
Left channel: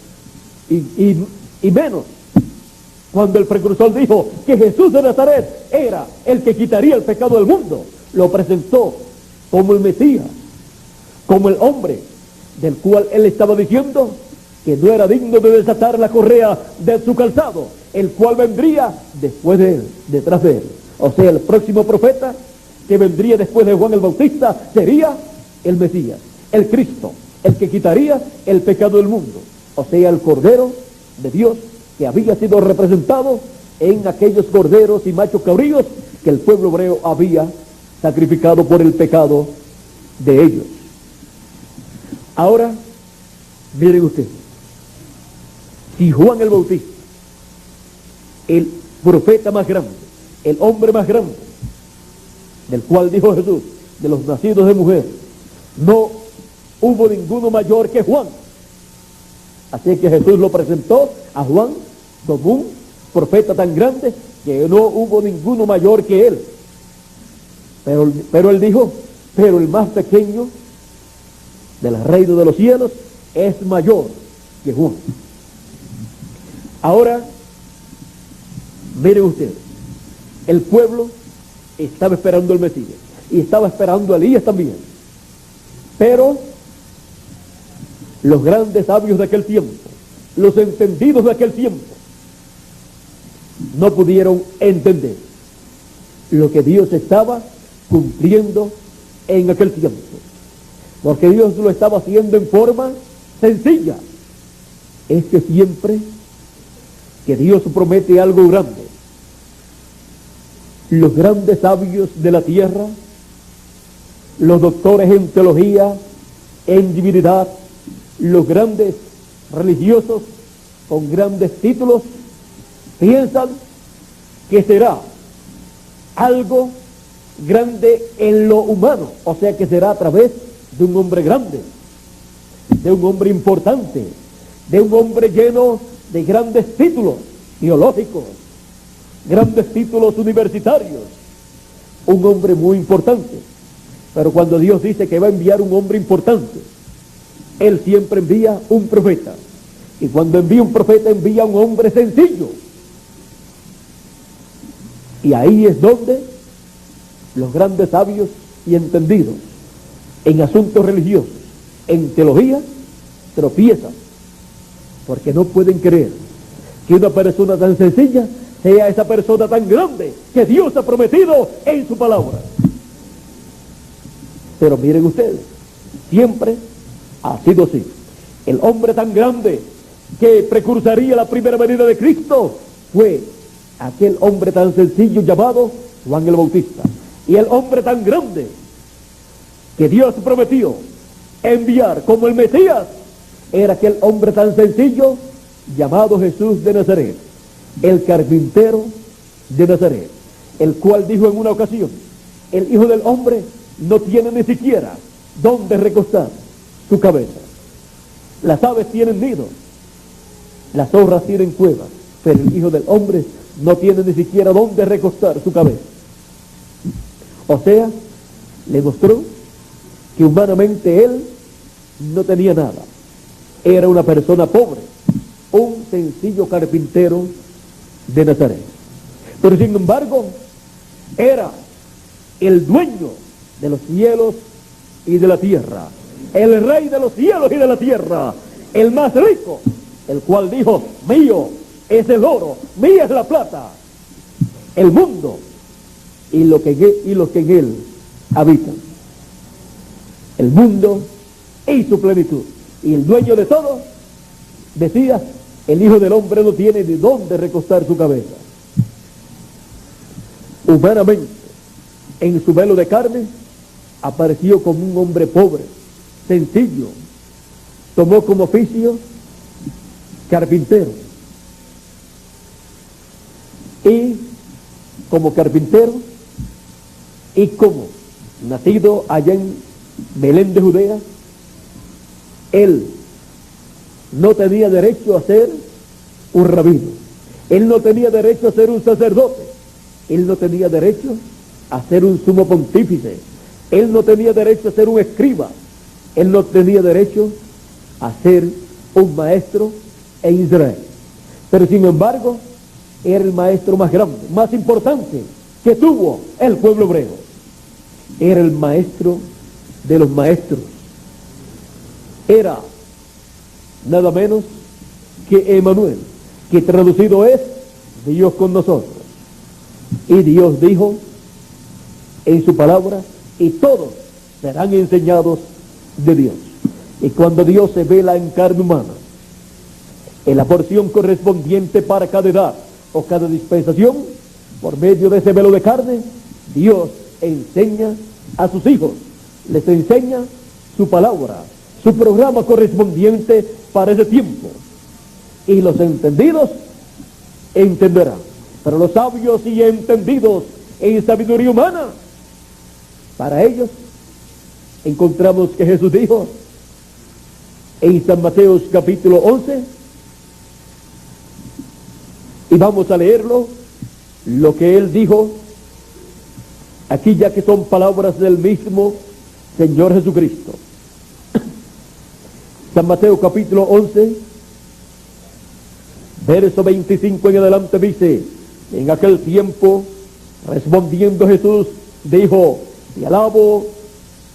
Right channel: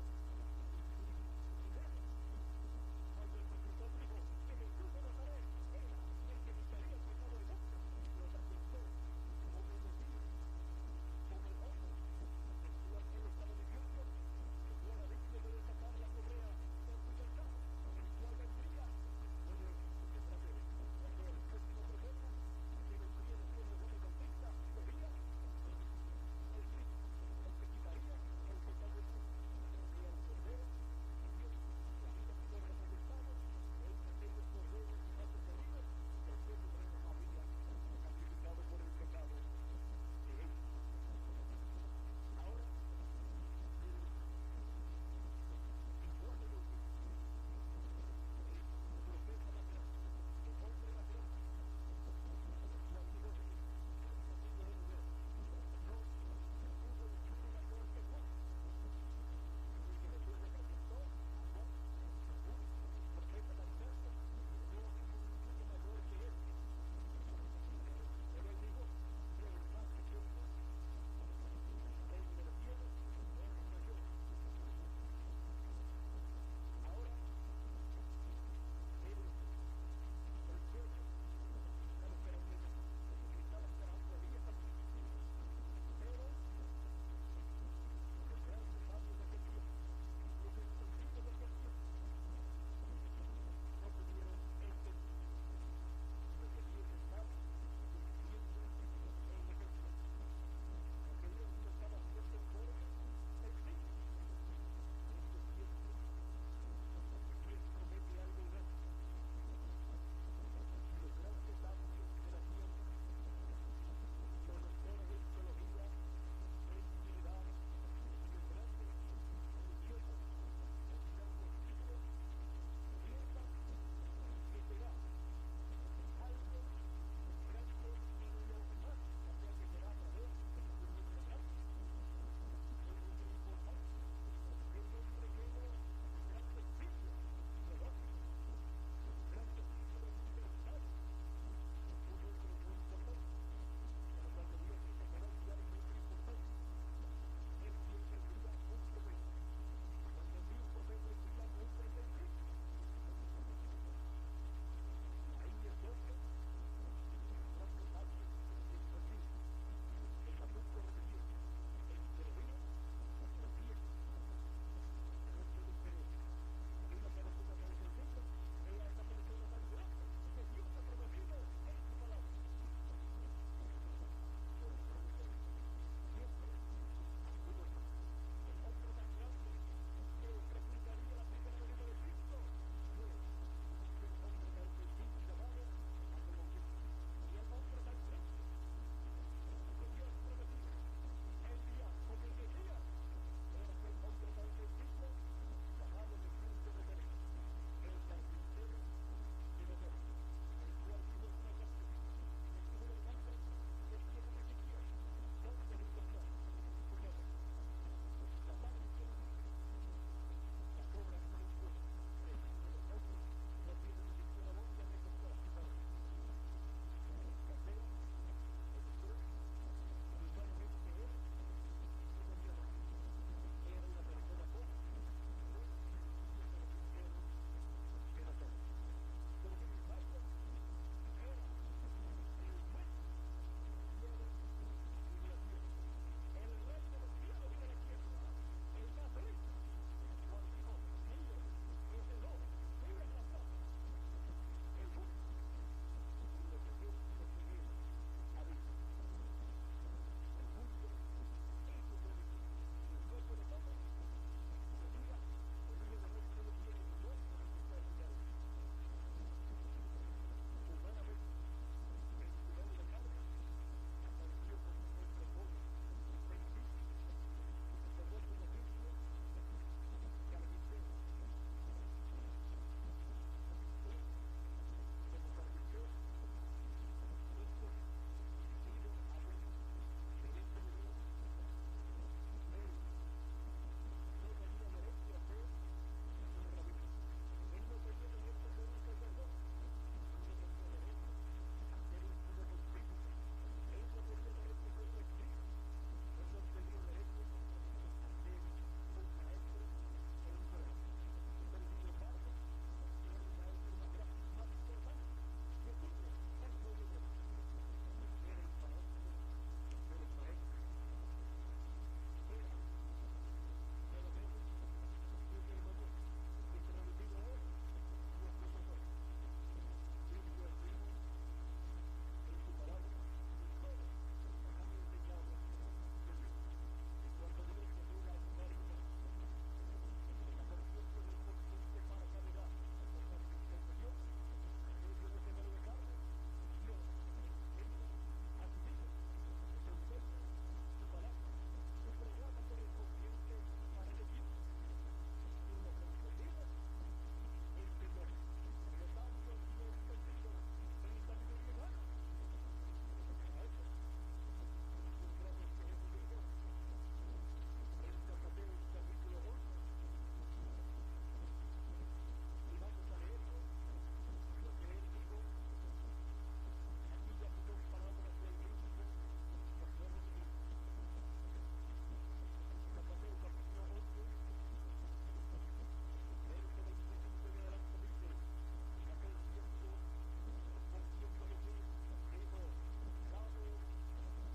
Y menos cuando el precursor dijo que Jesús de Nazaret era el que quitaría el pecado del mundo. Lo presentó como el Mesías, como el hombre del cual él estaba diciendo que no era digno de desatar la correa de su calzado, el cual vendría después de él, detrás de él. O sea, el próximo profeta que vendría después de Juan el Bautista sería el Mesías, el Cristo, el que quitaría el pecado del mundo. O sea, el Cordero de Dios que había sido representado en aquellos corderos y machos cabríos que el pueblo hebreo había sacrificado por el pecado de ellos. Ahora, miren ustedes, si Juan el Bautista, el profeta más grande, el hombre más grande, del cual dijo Jesús, de los nacidos de mujer, no hubo ninguno mayor que Juan. Así que Jesús lo presentó a Juan como un profeta tan grande que no hubo ninguno mayor que él. Pero él dijo, pero el más pequeño del reino de los cielos es mayor que Juan. Ahora, miren ustedes, el pueblo estaba esperando al Mesías y estaba esperando a Elías también. Pero los grandes sabios de aquel tiempo, los entendidos de aquel tiempo, no pudieron entender lo que Dios estaba cumpliendo en aquel tiempo, porque Dios lo estaba haciendo en forma sencilla. Es que siempre que Dios promete algo grande, los grandes sabios de la tierra, los doctores en teología, en divinidad, los grandes religiosos con grandes títulos, piensan que será algo grande en lo humano, o sea que será a través de un hombre grande, de un hombre importante, de un hombre lleno de grandes títulos teológicos, grandes títulos universitarios, un hombre muy importante. Pero cuando Dios dice que va a enviar un hombre importante, Él siempre envía un profeta. Y cuando envía un profeta, envía un hombre sencillo. Y ahí es donde los grandes sabios y entendidos en asuntos religiosos, en teología, tropiezan, porque no pueden creer que una persona tan sencilla sea esa persona tan grande que Dios ha prometido en su palabra. Pero miren ustedes, siempre ha sido así. El hombre tan grande que precursaría la primera venida de Cristo fue aquel hombre tan sencillo llamado Juan el Bautista. Y el hombre tan grande que Dios prometió enviar como el Mesías era aquel hombre tan sencillo llamado Jesús de Nazaret, el carpintero de Nazaret, el cual dijo en una ocasión, el Hijo del Hombre no tiene ni siquiera dónde recostar su cabeza. Las aves tienen nidos, las zorras tienen cuevas, pero el Hijo del Hombre no tiene ni siquiera dónde recostar su cabeza. O sea, le mostró que humanamente él no tenía nada. Era una persona pobre, un sencillo carpintero de Nazaret. Pero sin embargo, era el dueño de los cielos y de la tierra, el rey de los cielos y de la tierra, el más rico, el cual dijo, mío es el oro, mía es la plata, el mundo y los que en él habitan. El mundo y su plenitud. Y el dueño de todo decía, el Hijo del Hombre no tiene ni dónde recostar su cabeza. Humanamente, en su velo de carne, apareció como un hombre pobre, sencillo. Tomó como oficio carpintero. Y como carpintero, y como nacido allá en Belén de Judea, él no tenía derecho a ser un rabino, él no tenía derecho a ser un sacerdote, él no tenía derecho a ser un sumo pontífice, él no tenía derecho a ser un escriba, él no tenía derecho a ser un maestro en Israel. Pero sin embargo, era el maestro más grande, más importante que tuvo el pueblo hebreo. Era el maestro de los maestros. Era nada menos que Emmanuel, que traducido es Dios con nosotros. Y Dios dijo en su palabra, y todos serán enseñados de Dios. Y cuando Dios se vela en carne humana, en la porción correspondiente para cada edad o cada dispensación, por medio de ese velo de carne, Dios enseña a sus hijos, les enseña su palabra, su programa correspondiente para ese tiempo. Y los entendidos entenderán. Pero los sabios y entendidos en sabiduría humana, para ellos encontramos que Jesús dijo, en San Mateo capítulo 11, y vamos a leerlo, lo que él dijo aquí, ya que son palabras del mismo Señor Jesucristo. San Mateo capítulo 11, verso 25 en adelante dice: en aquel tiempo, respondiendo Jesús, dijo: te alabo,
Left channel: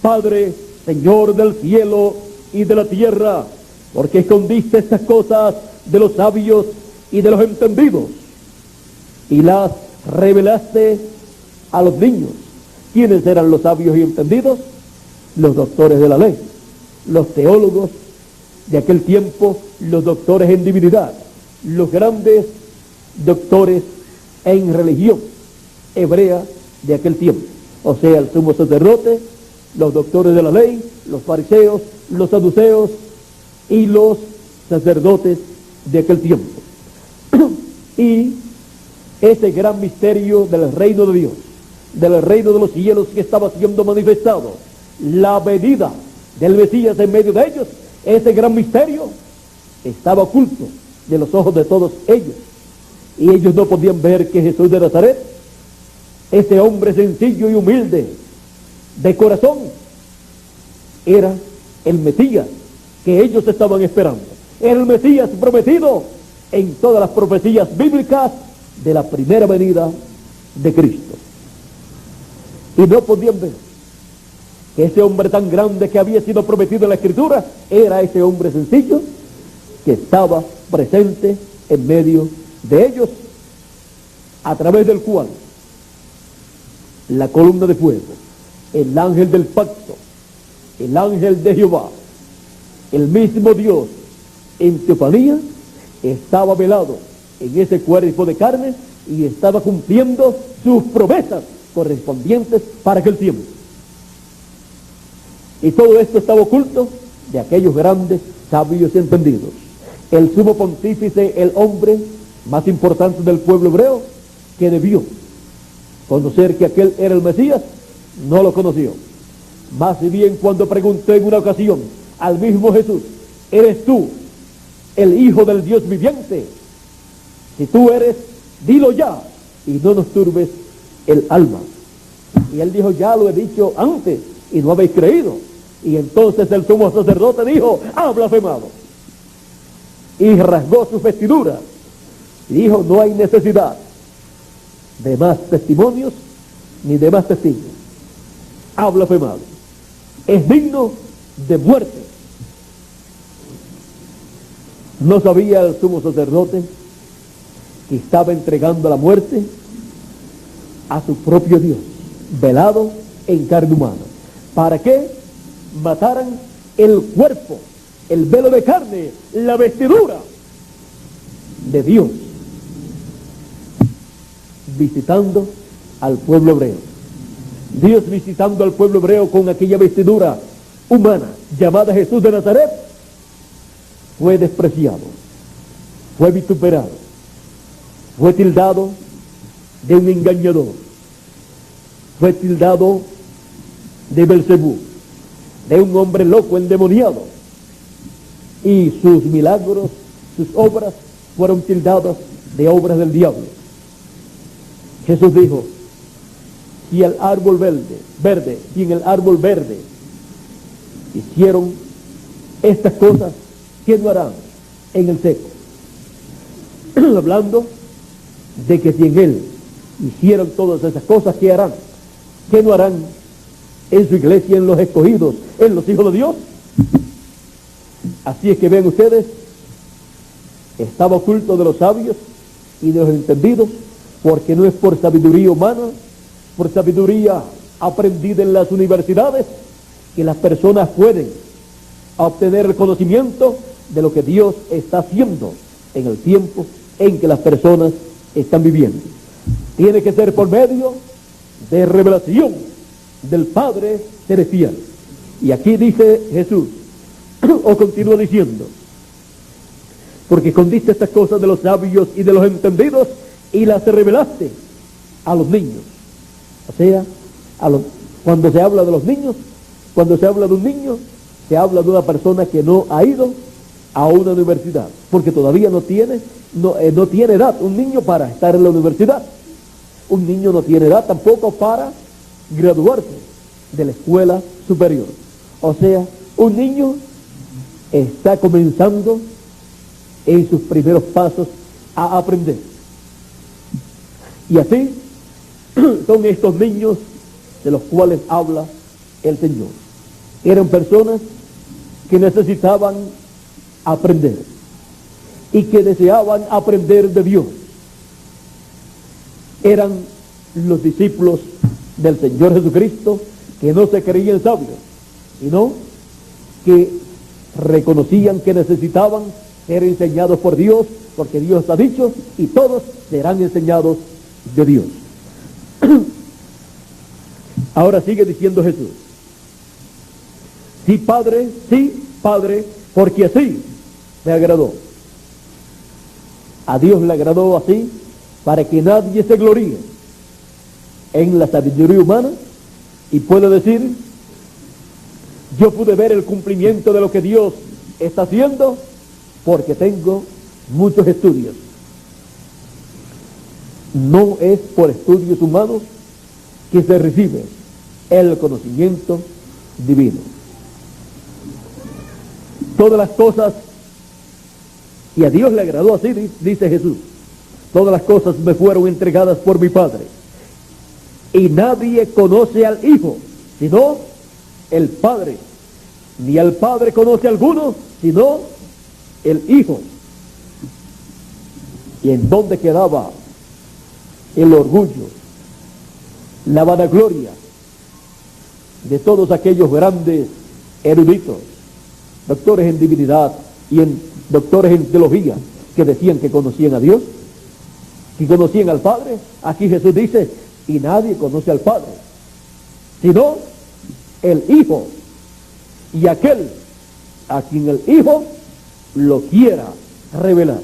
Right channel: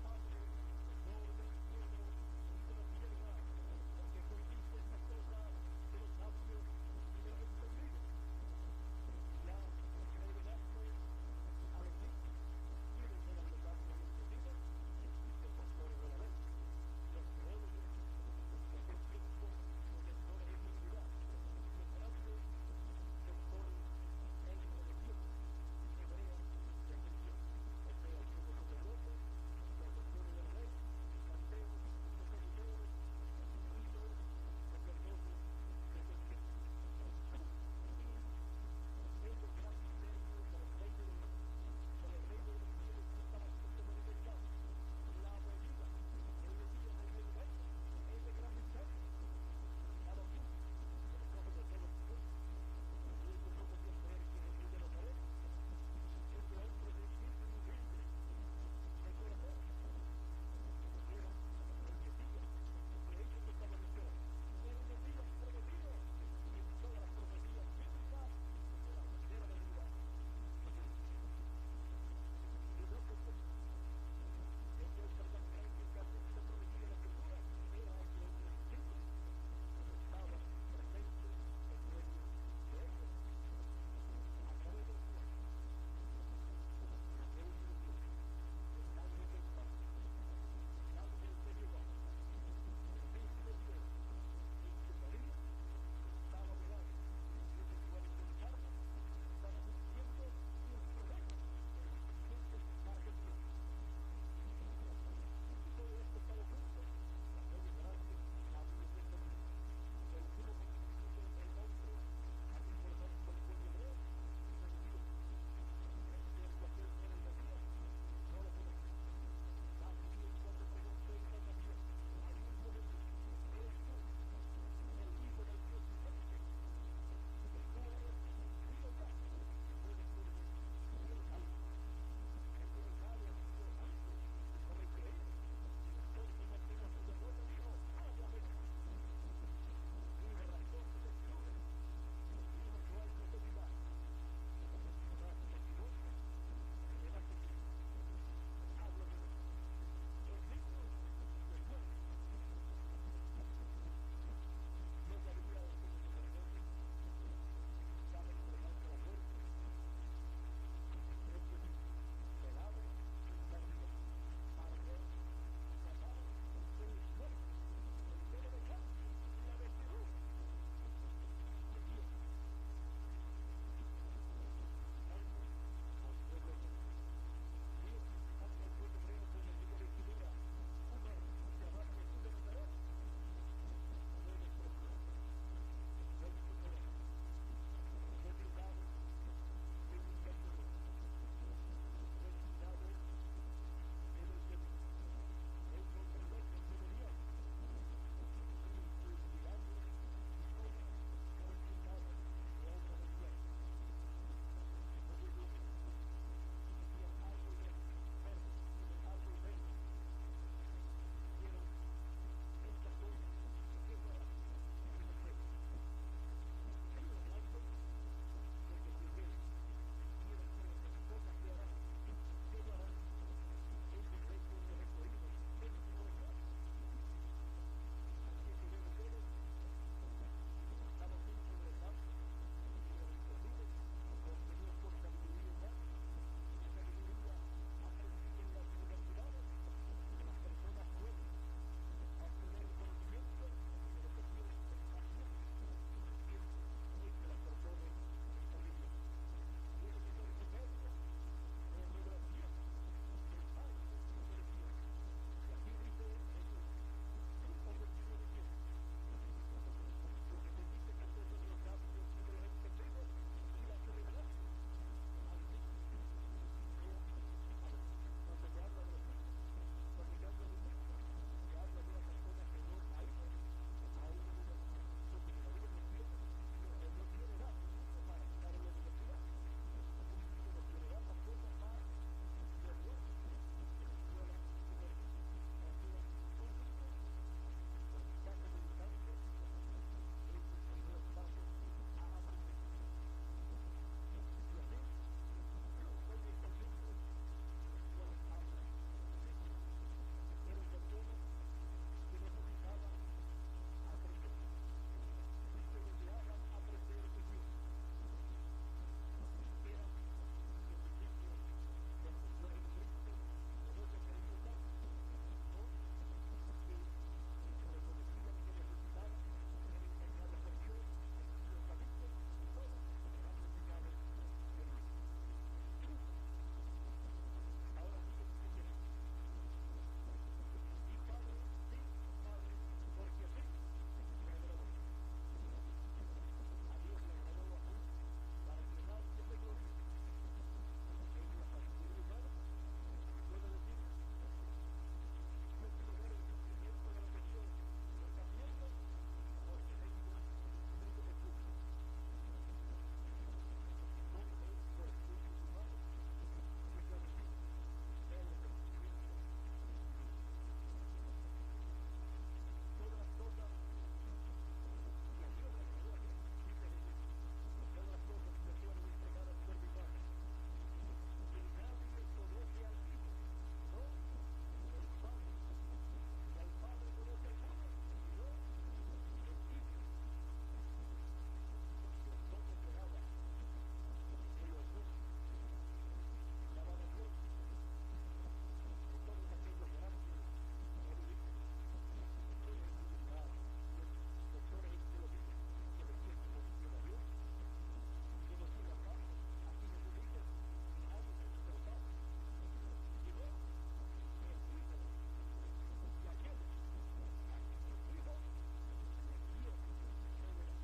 Padre, Señor del cielo y de la tierra, porque escondiste estas cosas de los sabios y de los entendidos, y las revelaste a los niños. ¿Quiénes eran los sabios y entendidos? Los doctores de la ley, los teólogos de aquel tiempo, los doctores en divinidad, los grandes doctores en religión hebrea de aquel tiempo, o sea, el sumo sacerdote, los doctores de la ley, los fariseos, los saduceos y los sacerdotes de aquel tiempo. Y ese gran misterio del reino de Dios, del reino de los cielos que estaba siendo manifestado, la venida del Mesías en medio de ellos, ese gran misterio estaba oculto de los ojos de todos ellos, y ellos no podían ver que Jesús de Nazaret, ese hombre sencillo y humilde de corazón, era el Mesías que ellos estaban esperando. Era el Mesías prometido en todas las profecías bíblicas de la primera venida de Cristo. Y no podían ver que ese hombre tan grande que había sido prometido en la Escritura era ese hombre sencillo que estaba presente en medio de ellos, a través del cual la columna de fuego, el ángel del pacto, el ángel de Jehová, el mismo Dios en teofanía, estaba velado en ese cuerpo de carne y estaba cumpliendo sus promesas correspondientes para aquel tiempo. Y todo esto estaba oculto de aquellos grandes sabios y entendidos. El sumo pontífice, el hombre más importante del pueblo hebreo, que debió conocer que aquel era el Mesías, no lo conoció. Más bien cuando preguntó en una ocasión al mismo Jesús: ¿eres tú el Hijo del Dios viviente? Si tú eres, dilo ya, y no nos turbes el alma. Y él dijo: ya lo he dicho antes, y no habéis creído. Y entonces el sumo sacerdote dijo: ha blasfemado. Y rasgó sus vestiduras, y dijo: no hay necesidad de más testimonios, ni de más testigos. Ha blasfemado. Es digno de muerte. ¿No sabía el sumo sacerdote que estaba entregando la muerte a su propio Dios, velado en carne humana? ¿Para qué mataran el cuerpo, el velo de carne, la vestidura de Dios, visitando al pueblo hebreo? Dios visitando al pueblo hebreo con aquella vestidura humana llamada Jesús de Nazaret, fue despreciado, fue vituperado, fue tildado de un engañador, fue tildado de Belcebú, de un hombre loco, endemoniado, y sus milagros, sus obras fueron tildadas de obras del diablo. Jesús dijo: si el árbol verde, si en el árbol verde hicieron estas cosas, ¿qué no harán en el seco? Hablando de que si en él hicieron todas esas cosas, ¿qué harán? ¿Qué no harán en su iglesia, en los escogidos, en los hijos de Dios? Así es que ven ustedes, estaba oculto de los sabios y de los entendidos, porque no es por sabiduría humana, por sabiduría aprendida en las universidades, que las personas pueden obtener el conocimiento de lo que Dios está haciendo en el tiempo en que las personas están viviendo. Tiene que ser por medio de revelación del Padre Celestial. Y aquí dice Jesús, o continúa diciendo: porque escondiste estas cosas de los sabios y de los entendidos y las revelaste a los niños. O sea, cuando se habla de los niños, cuando se habla de un niño, se habla de una persona que no ha ido a una universidad, porque todavía no tiene edad, un niño para estar en la universidad. Un niño no tiene edad tampoco para graduarse de la escuela superior. O sea, un niño está comenzando en sus primeros pasos a aprender. Y así son estos niños de los cuales habla el Señor. Eran personas que necesitaban aprender y que deseaban aprender de Dios. Eran los discípulos del Señor Jesucristo que no se creían sabios, sino que reconocían que necesitaban ser enseñados por Dios, porque Dios ha dicho, y todos serán enseñados de Dios. Ahora sigue diciendo Jesús: sí, Padre, porque así me agradó. A Dios le agradó así, para que nadie se gloríe en la sabiduría humana y pueda decir: yo pude ver el cumplimiento de lo que Dios está haciendo porque tengo muchos estudios. No es por estudios humanos que se recibe el conocimiento divino. Todas las cosas, y a Dios le agradó así, dice Jesús, todas las cosas me fueron entregadas por mi Padre, y nadie conoce al Hijo sino el Padre, ni al Padre conoce a alguno sino el Hijo. ¿Y en dónde quedaba el orgullo, la vanagloria de todos aquellos grandes eruditos, doctores en divinidad y doctores en teología, que decían que conocían a Dios, que conocían al Padre? Aquí Jesús dice: y nadie conoce al Padre sino el Hijo, y aquel a quien el Hijo lo quiera revelar,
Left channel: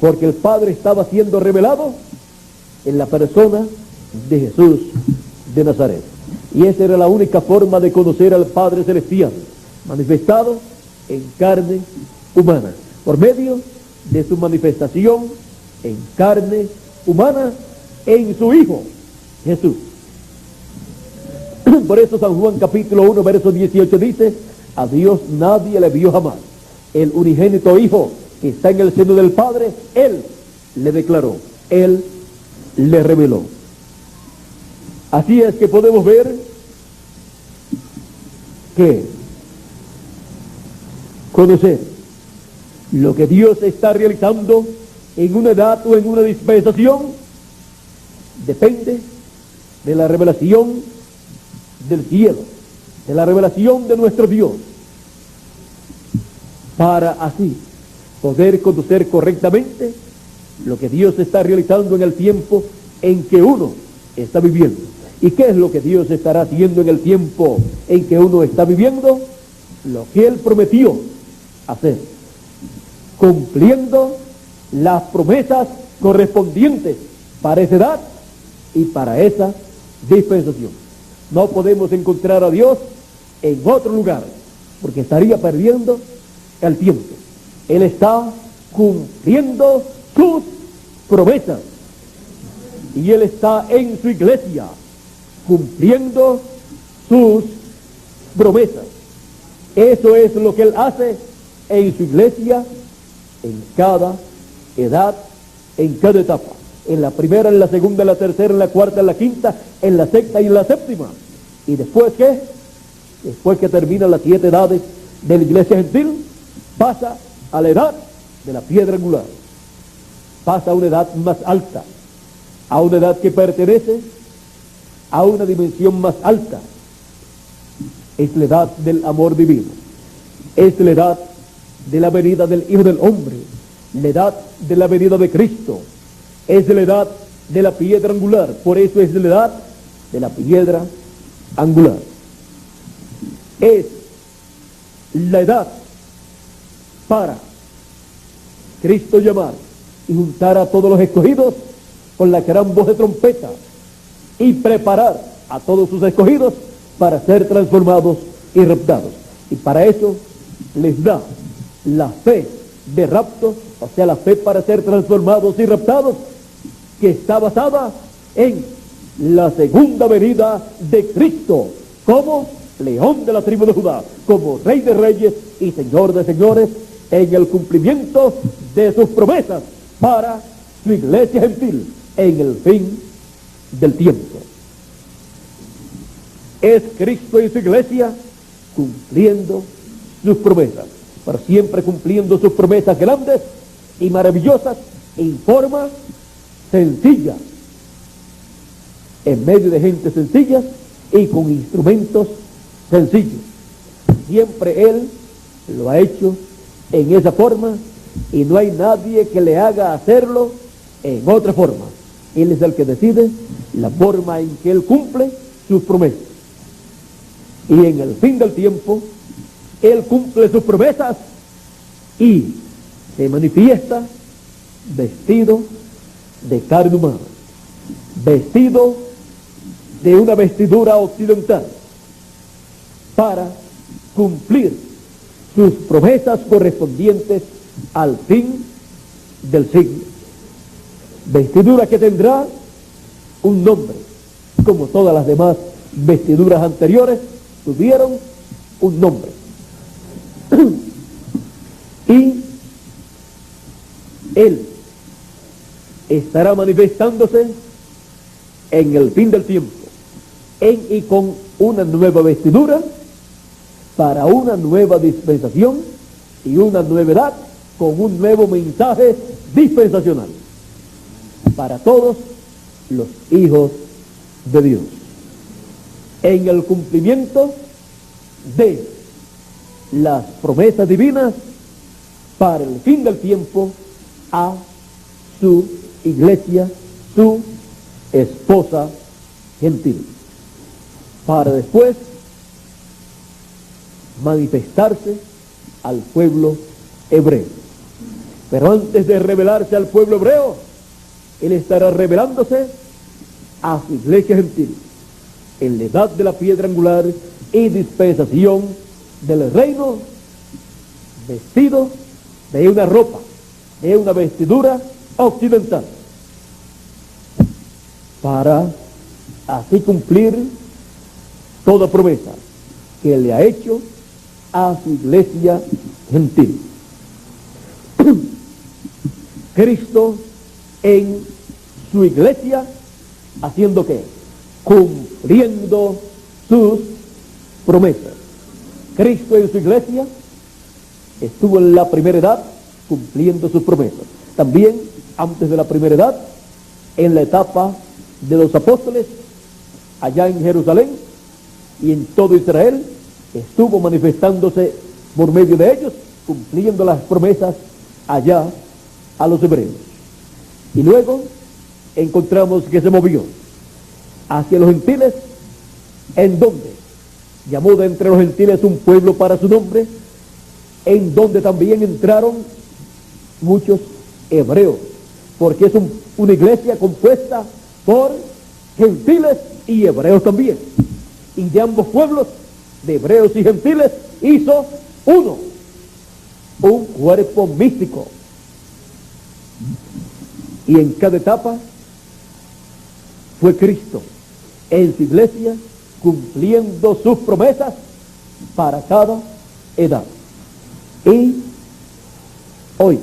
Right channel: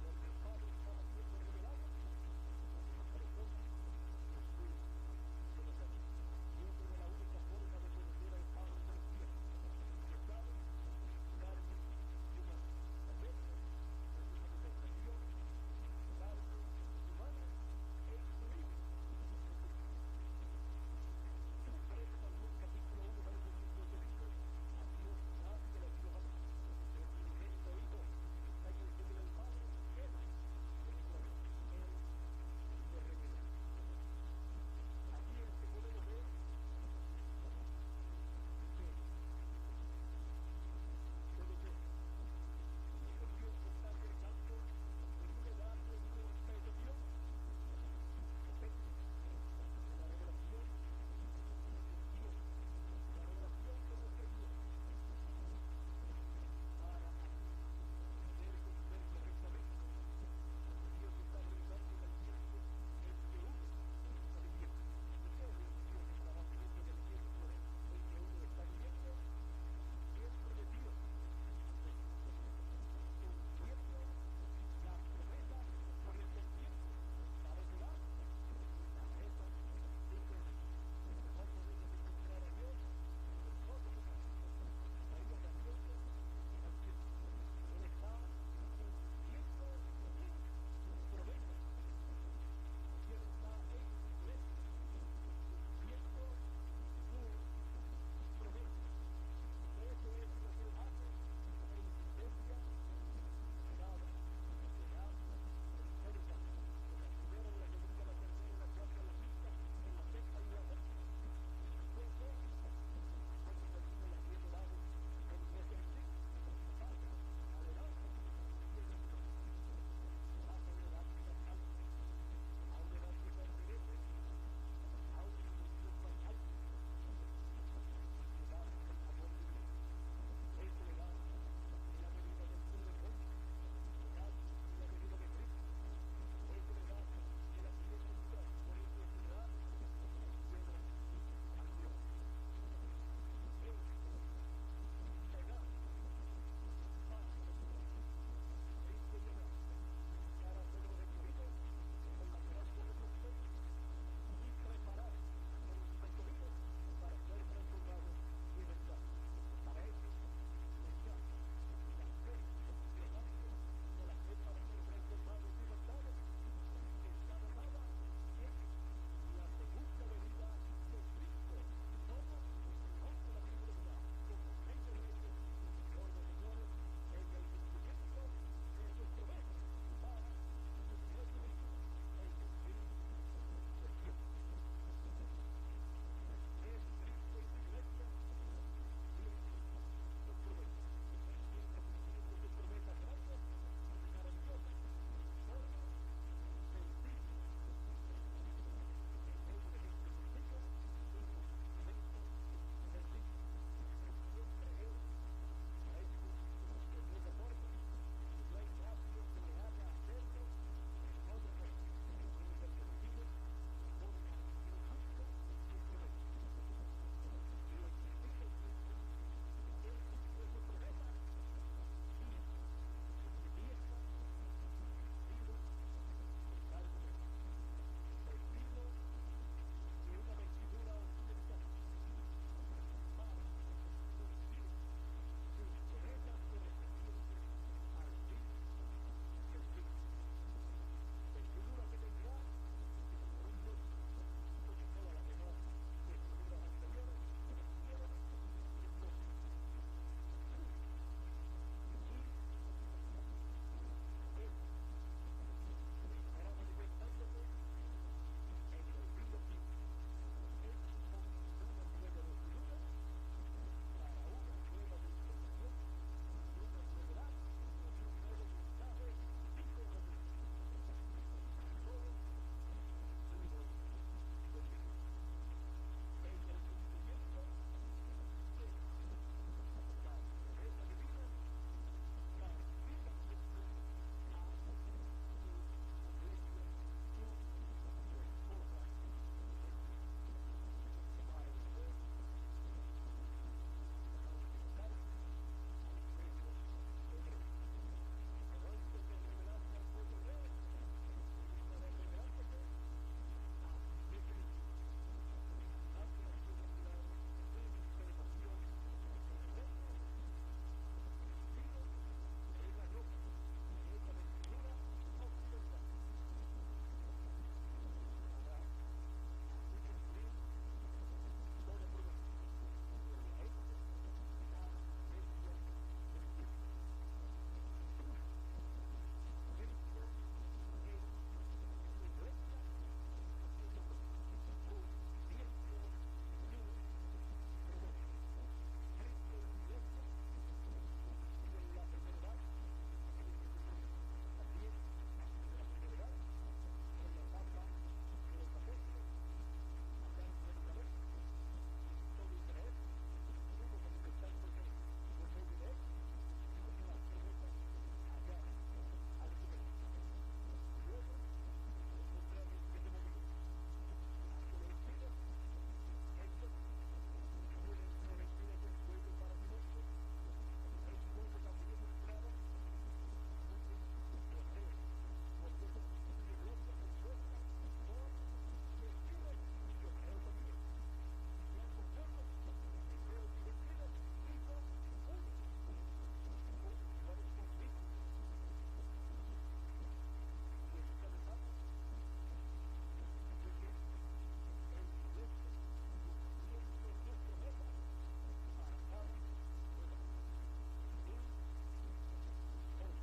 porque el Padre estaba siendo revelado en la persona de Jesús de Nazaret, y esa era la única forma de conocer al Padre Celestial, manifestado en carne humana, por medio de su manifestación en carne humana en su Hijo Jesús. Por eso San Juan capítulo 1 verso 18 dice: a Dios nadie le vio jamás, el unigénito Hijo que está en el seno del Padre, Él le declaró, Él le reveló. Así es que podemos ver que conocer lo que Dios está realizando en una edad o en una dispensación depende de la revelación del cielo, de la revelación de nuestro Dios, para así poder conocer correctamente lo que Dios está realizando en el tiempo en que uno está viviendo. ¿Y qué es lo que Dios estará haciendo en el tiempo en que uno está viviendo? Lo que Él prometió hacer, cumpliendo las promesas correspondientes para esa edad y para esa dispensación. No podemos encontrar a Dios en otro lugar, porque estaría perdiendo el tiempo. Él está cumpliendo sus promesas, y Él está en su iglesia cumpliendo sus promesas. Eso es lo que Él hace en su iglesia, en cada edad, en cada etapa. En la primera, en la segunda, en la tercera, en la cuarta, en la quinta, en la sexta y en la séptima. ¿Y después qué? Después que termina las 7 edades de la iglesia gentil, pasa a la edad de la piedra angular. Pasa a una edad más alta, a una edad que pertenece a una dimensión más alta. Es la edad del amor divino, es la edad de la venida del Hijo del Hombre, la edad de la venida de Cristo, es la edad de la piedra angular. Por eso es la edad de la piedra angular. Es la edad para Cristo llamar y juntar a todos los escogidos con la gran voz de trompeta y preparar a todos sus escogidos para ser transformados y raptados. Y para eso les da la fe de rapto, o sea, la fe para ser transformados y raptados, que está basada en la segunda venida de Cristo, como León de la tribu de Judá, como Rey de reyes y Señor de señores, en el cumplimiento de sus promesas para su iglesia gentil en el fin del tiempo. Es Cristo y su iglesia cumpliendo sus promesas, pero siempre cumpliendo sus promesas grandes y maravillosas en forma sencilla, en medio de gente sencilla y con instrumentos sencillos. Siempre Él lo ha hecho en esa forma y no hay nadie que le haga hacerlo en otra forma. Él es el que decide la forma en que Él cumple sus promesas. Y en el fin del tiempo, Él cumple sus promesas y se manifiesta vestido de carne humana, vestido de una vestidura occidental, para cumplir sus promesas correspondientes al fin del siglo. Vestidura que tendrá un nombre, como todas las demás vestiduras anteriores tuvieron un nombre. Y Él estará manifestándose en el fin del tiempo, en y con una nueva vestidura, para una nueva dispensación y una nueva edad, con un nuevo mensaje dispensacional para todos los hijos de Dios, en el cumplimiento de las promesas divinas para el fin del tiempo a su iglesia, su esposa gentil, para después manifestarse al pueblo hebreo. Pero antes de revelarse al pueblo hebreo, Él estará revelándose a su iglesia gentil en la edad de la piedra angular y dispensación del reino, vestido de una ropa, de una vestidura occidental, para así cumplir toda promesa que le ha hecho a su iglesia gentil. Cristo en su iglesia, ¿haciendo qué? Cumpliendo sus promesas. Cristo en su iglesia estuvo en la primera edad cumpliendo sus promesas. También antes de la primera edad, en la etapa de los apóstoles, allá en Jerusalén y en todo Israel, estuvo manifestándose por medio de ellos, cumpliendo las promesas allá a los hebreos. Y luego encontramos que se movió hacia los gentiles, en donde llamó de entre los gentiles un pueblo para su nombre, en donde también entraron muchos hebreos, porque es una iglesia compuesta por gentiles y hebreos también. Y de ambos pueblos, de hebreos y gentiles, hizo uno, un cuerpo místico. Y en cada etapa fue Cristo en su iglesia cumpliendo sus promesas para cada edad. Y hoy,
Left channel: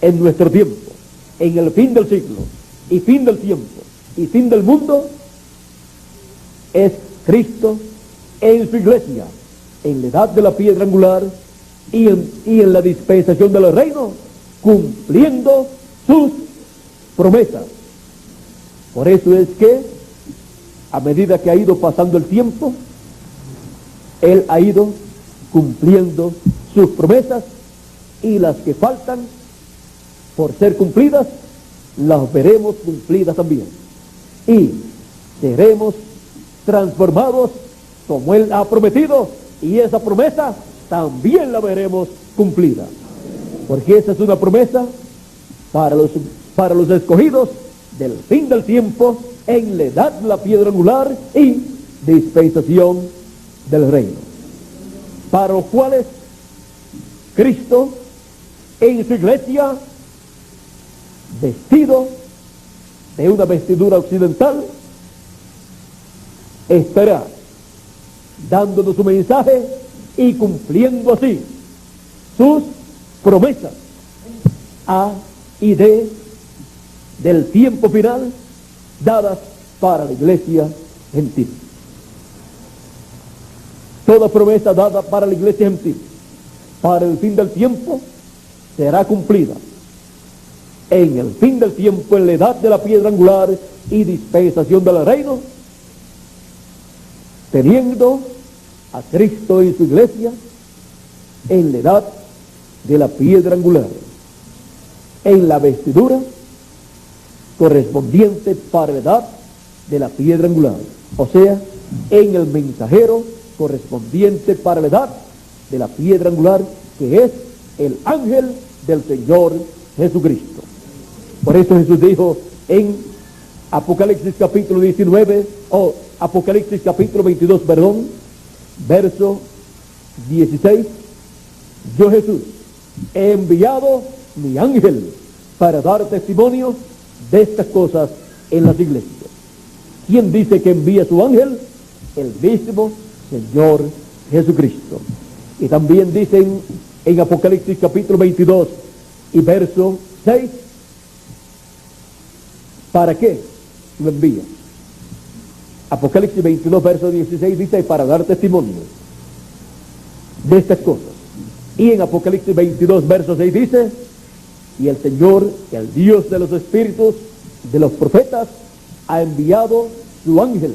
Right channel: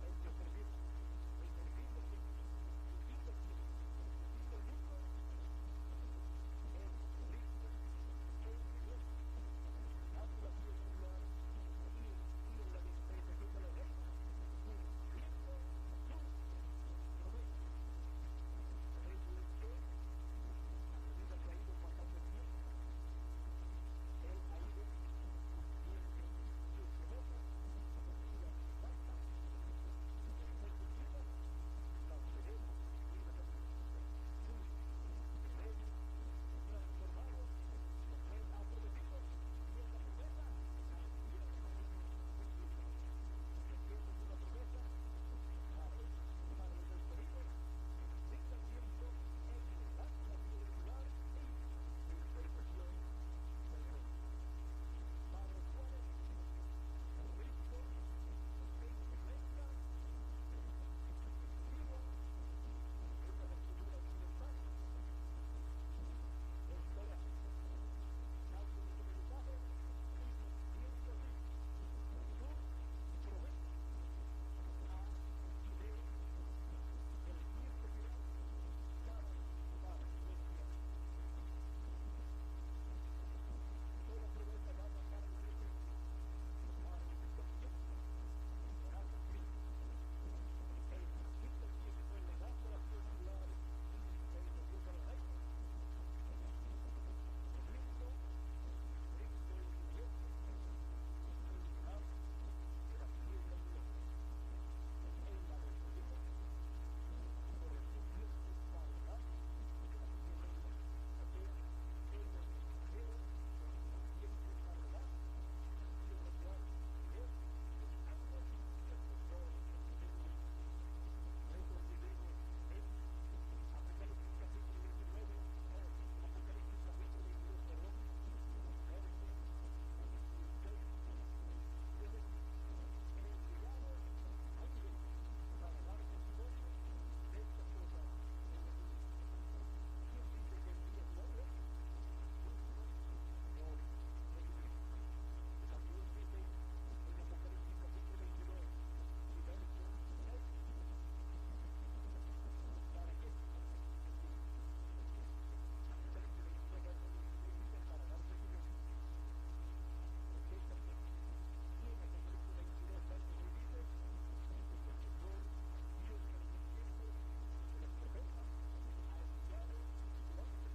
en nuestro tiempo, en el fin del siglo y fin del tiempo y fin del mundo, es Cristo en su iglesia, en la edad de la piedra angular y en la dispensación del reino, cumpliendo sus promesas. Por eso es que, a medida que ha ido pasando el tiempo, Él ha ido cumpliendo sus promesas, y las que faltan por ser cumplidas, las veremos cumplidas también. Y seremos transformados como Él ha prometido, y esa promesa también la veremos cumplida. Porque esa es una promesa para los escogidos del fin del tiempo, en la edad de la piedra angular y dispensación del reino. para los cuales Cristo en su iglesia, vestido de una vestidura occidental, estará dándonos su mensaje y cumpliendo así sus promesas a y del tiempo final dadas para la iglesia gentil. Toda promesa dada para la iglesia gentil para el fin del tiempo será cumplida en el fin del tiempo, en la edad de la piedra angular y dispensación del reino, teniendo a Cristo en su iglesia en la edad de la piedra angular, en la vestidura correspondiente para la edad de la piedra angular, o sea, en el mensajero correspondiente para la edad de la piedra angular, que es el ángel del Señor Jesucristo. Por eso Jesús dijo en Apocalipsis capítulo 19, o Apocalipsis capítulo 22, perdón, verso 16, yo Jesús he enviado mi ángel para dar testimonio de estas cosas en las iglesias. ¿Quién dice que envía su ángel? El mismo Señor Jesucristo. Y también dicen en Apocalipsis capítulo 22 y verso 6, ¿para qué lo envía? Apocalipsis 22 verso 16 dice, para dar testimonio de estas cosas. Y en Apocalipsis 22 verso 6 dice, y el Señor, el Dios de los espíritus de los profetas, ha enviado su ángel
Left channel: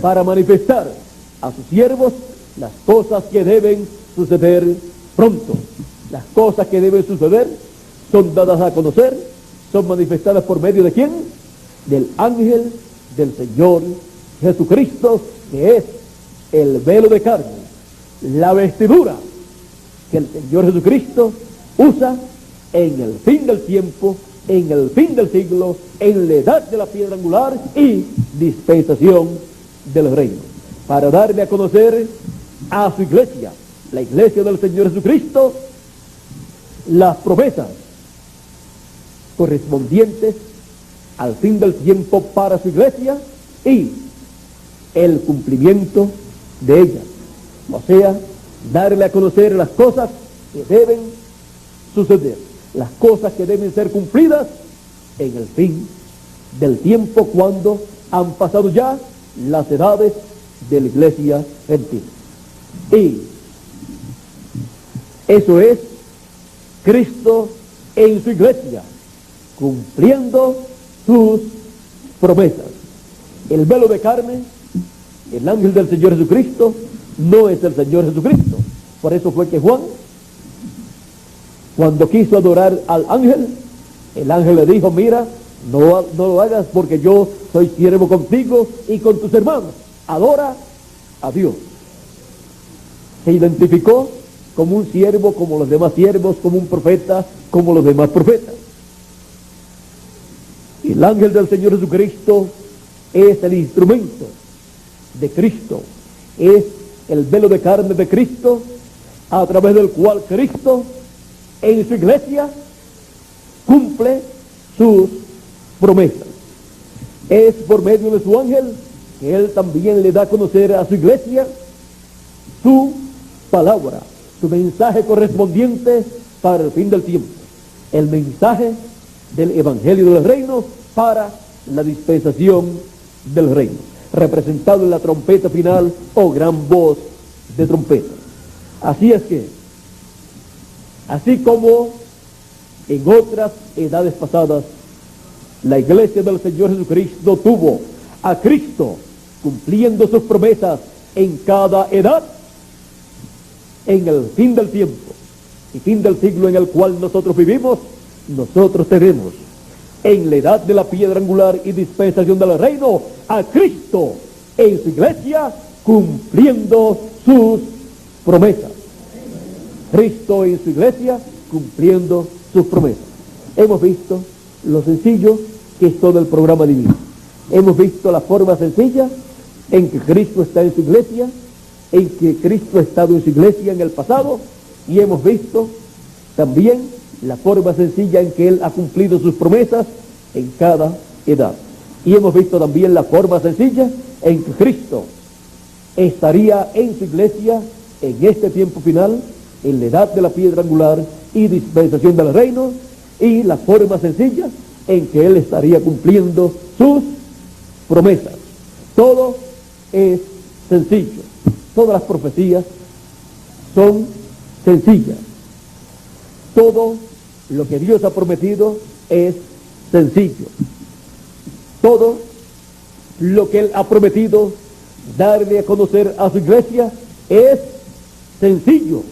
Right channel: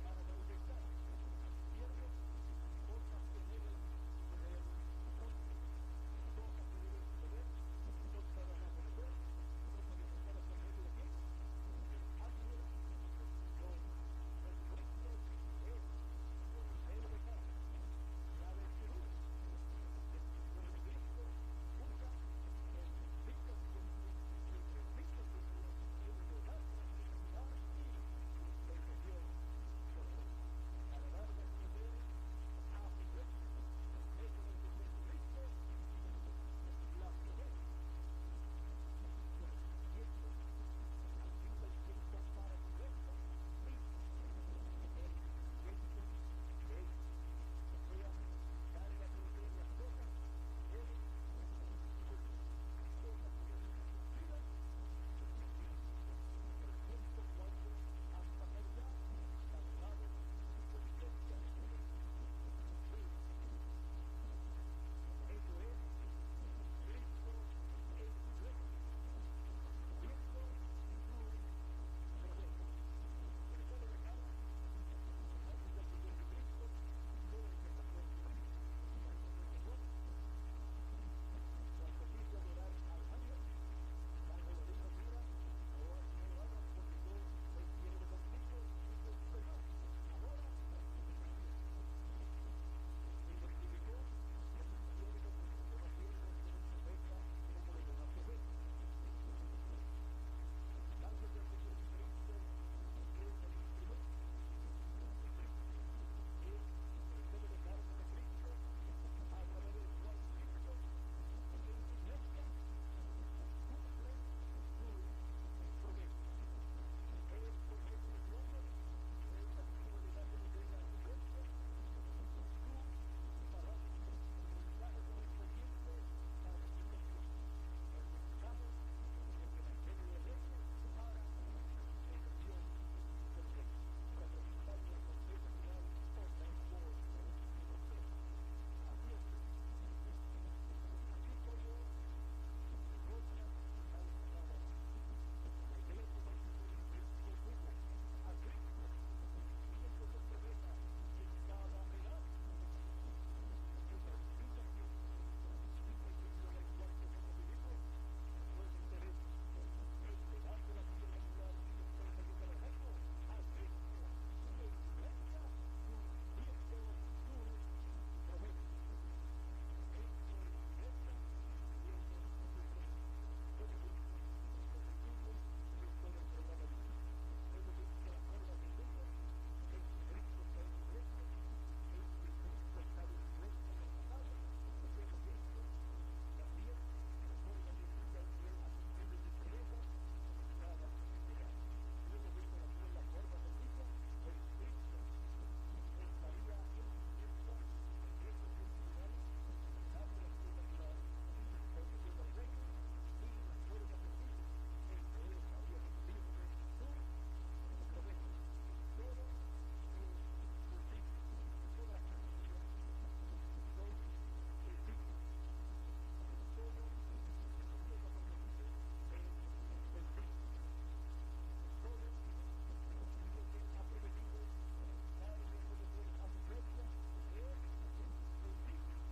para manifestar a sus siervos las cosas que deben suceder pronto. Las cosas que deben suceder son dadas a conocer, son manifestadas por medio de ¿quién? Del ángel del Señor Jesucristo, que es el velo de carne, la vestidura que el Señor Jesucristo usa en el fin del tiempo, en el fin del siglo, en la edad de la piedra angular y dispensación del reino, para darle a conocer a su iglesia, la iglesia del Señor Jesucristo, las promesas correspondientes al fin del tiempo para su iglesia y el cumplimiento de ellas. O sea, darle a conocer las cosas que deben suceder, las cosas que deben ser cumplidas en el fin del tiempo, cuando han pasado ya las edades de la iglesia gentil. Y eso es Cristo en su iglesia, cumpliendo sus promesas. El velo de carne, el ángel del Señor Jesucristo, no es el Señor Jesucristo. Por eso fue que Juan, cuando quiso adorar al ángel, el ángel le dijo, mira, no lo hagas, porque yo soy siervo contigo y con tus hermanos. Adora a Dios. Se identificó como un siervo, como los demás siervos, como un profeta, como los demás profetas. Y el ángel del Señor Jesucristo es el instrumento de Cristo, es el velo de carne de Cristo, a través del cual Cristo en su iglesia cumple sus promesas. Es por medio de su ángel que Él también le da a conocer a su iglesia su palabra, su mensaje correspondiente para el fin del tiempo, el mensaje del Evangelio del Reino para la dispensación del reino, representado en la trompeta final o gran voz de trompeta. Así es que, así como en otras edades pasadas, la iglesia del Señor Jesucristo tuvo a Cristo cumpliendo sus promesas en cada edad, en el fin del tiempo y fin del siglo en el cual nosotros vivimos, nosotros tenemos en la edad de la piedra angular y dispensación del reino a Cristo en su iglesia cumpliendo sus promesas. Cristo en su iglesia cumpliendo sus promesas. Hemos visto lo sencillo que es todo el programa divino. Hemos visto la forma sencilla en que Cristo está en su iglesia en que Cristo ha estado en su iglesia en el pasado, y hemos visto también la forma sencilla en que Él ha cumplido sus promesas en cada edad. Y hemos visto también la forma sencilla en que Cristo estaría en su iglesia en este tiempo final, en la edad de la piedra angular y dispensación del reino, y la forma sencilla en que Él estaría cumpliendo sus promesas. Todo es sencillo. Todas las profecías son sencillas. Todo lo que Dios ha prometido es sencillo. Todo lo que Él ha prometido darle a conocer a su iglesia es sencillo.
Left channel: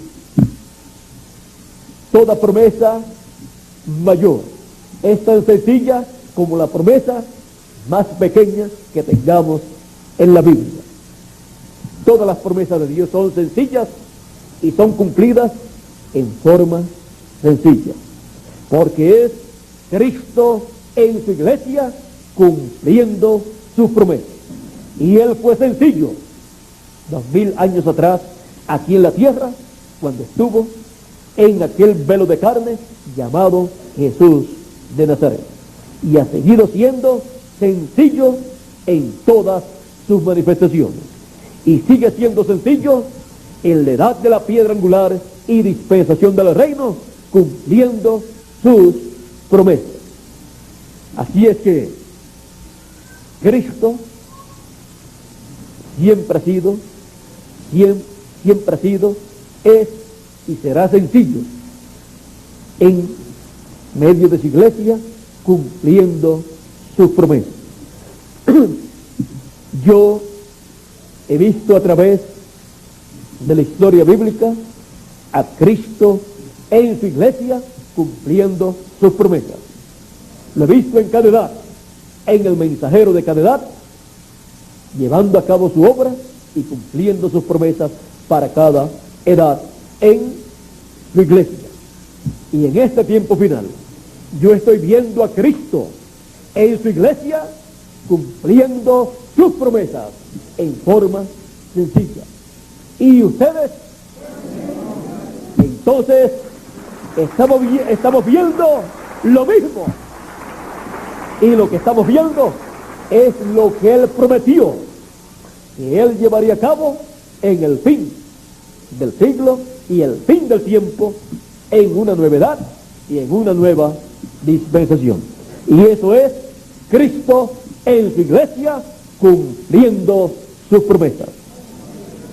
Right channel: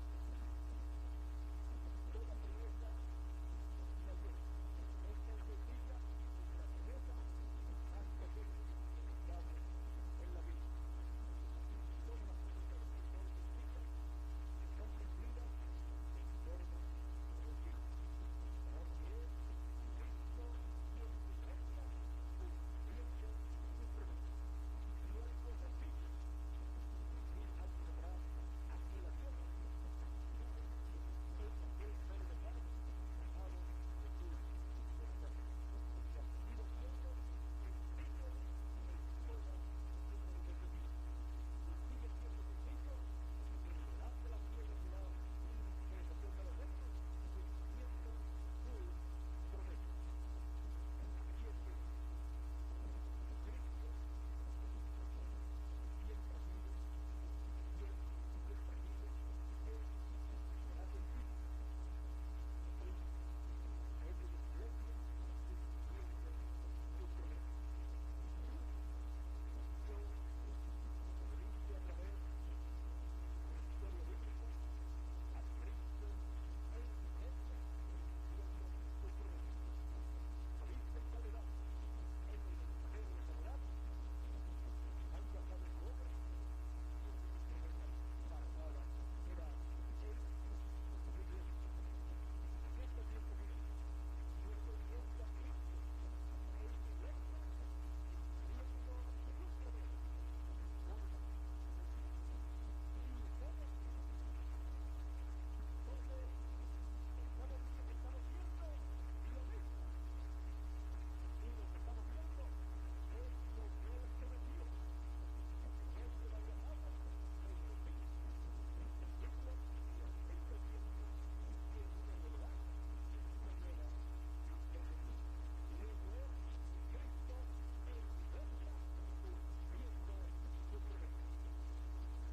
Toda promesa mayor es tan sencilla como la promesa más pequeña que tengamos en la Biblia. Todas las promesas de Dios son sencillas y son cumplidas en forma sencilla, porque es Cristo en su iglesia cumpliendo sus promesas. Y Él fue sencillo 2000 años atrás aquí en la tierra, cuando estuvo en aquel velo de carne llamado Jesús de Nazaret, y ha seguido siendo sencillo en todas sus manifestaciones, y sigue siendo sencillo en la edad de la piedra angular y dispensación del reino, cumpliendo sus promesas. Así es que Cristo siempre ha sido, es y será sencillo en medio de su iglesia, cumpliendo sus promesas. Yo he visto a través de la historia bíblica a Cristo en su iglesia cumpliendo sus promesas. Lo he visto en cada edad, en el mensajero de cada edad, llevando a cabo su obra y cumpliendo sus promesas para cada edad en su iglesia. Y en este tiempo final, yo estoy viendo a Cristo en su iglesia cumpliendo sus promesas en forma sencilla. ¿Y ustedes? Entonces, estamos viendo lo mismo. Y lo que estamos viendo es lo que Él prometió que Él llevaría a cabo en el fin del siglo y el fin del tiempo, en una nueva edad y en una nueva dispensación. Y eso es Cristo en su iglesia cumpliendo sus promesas.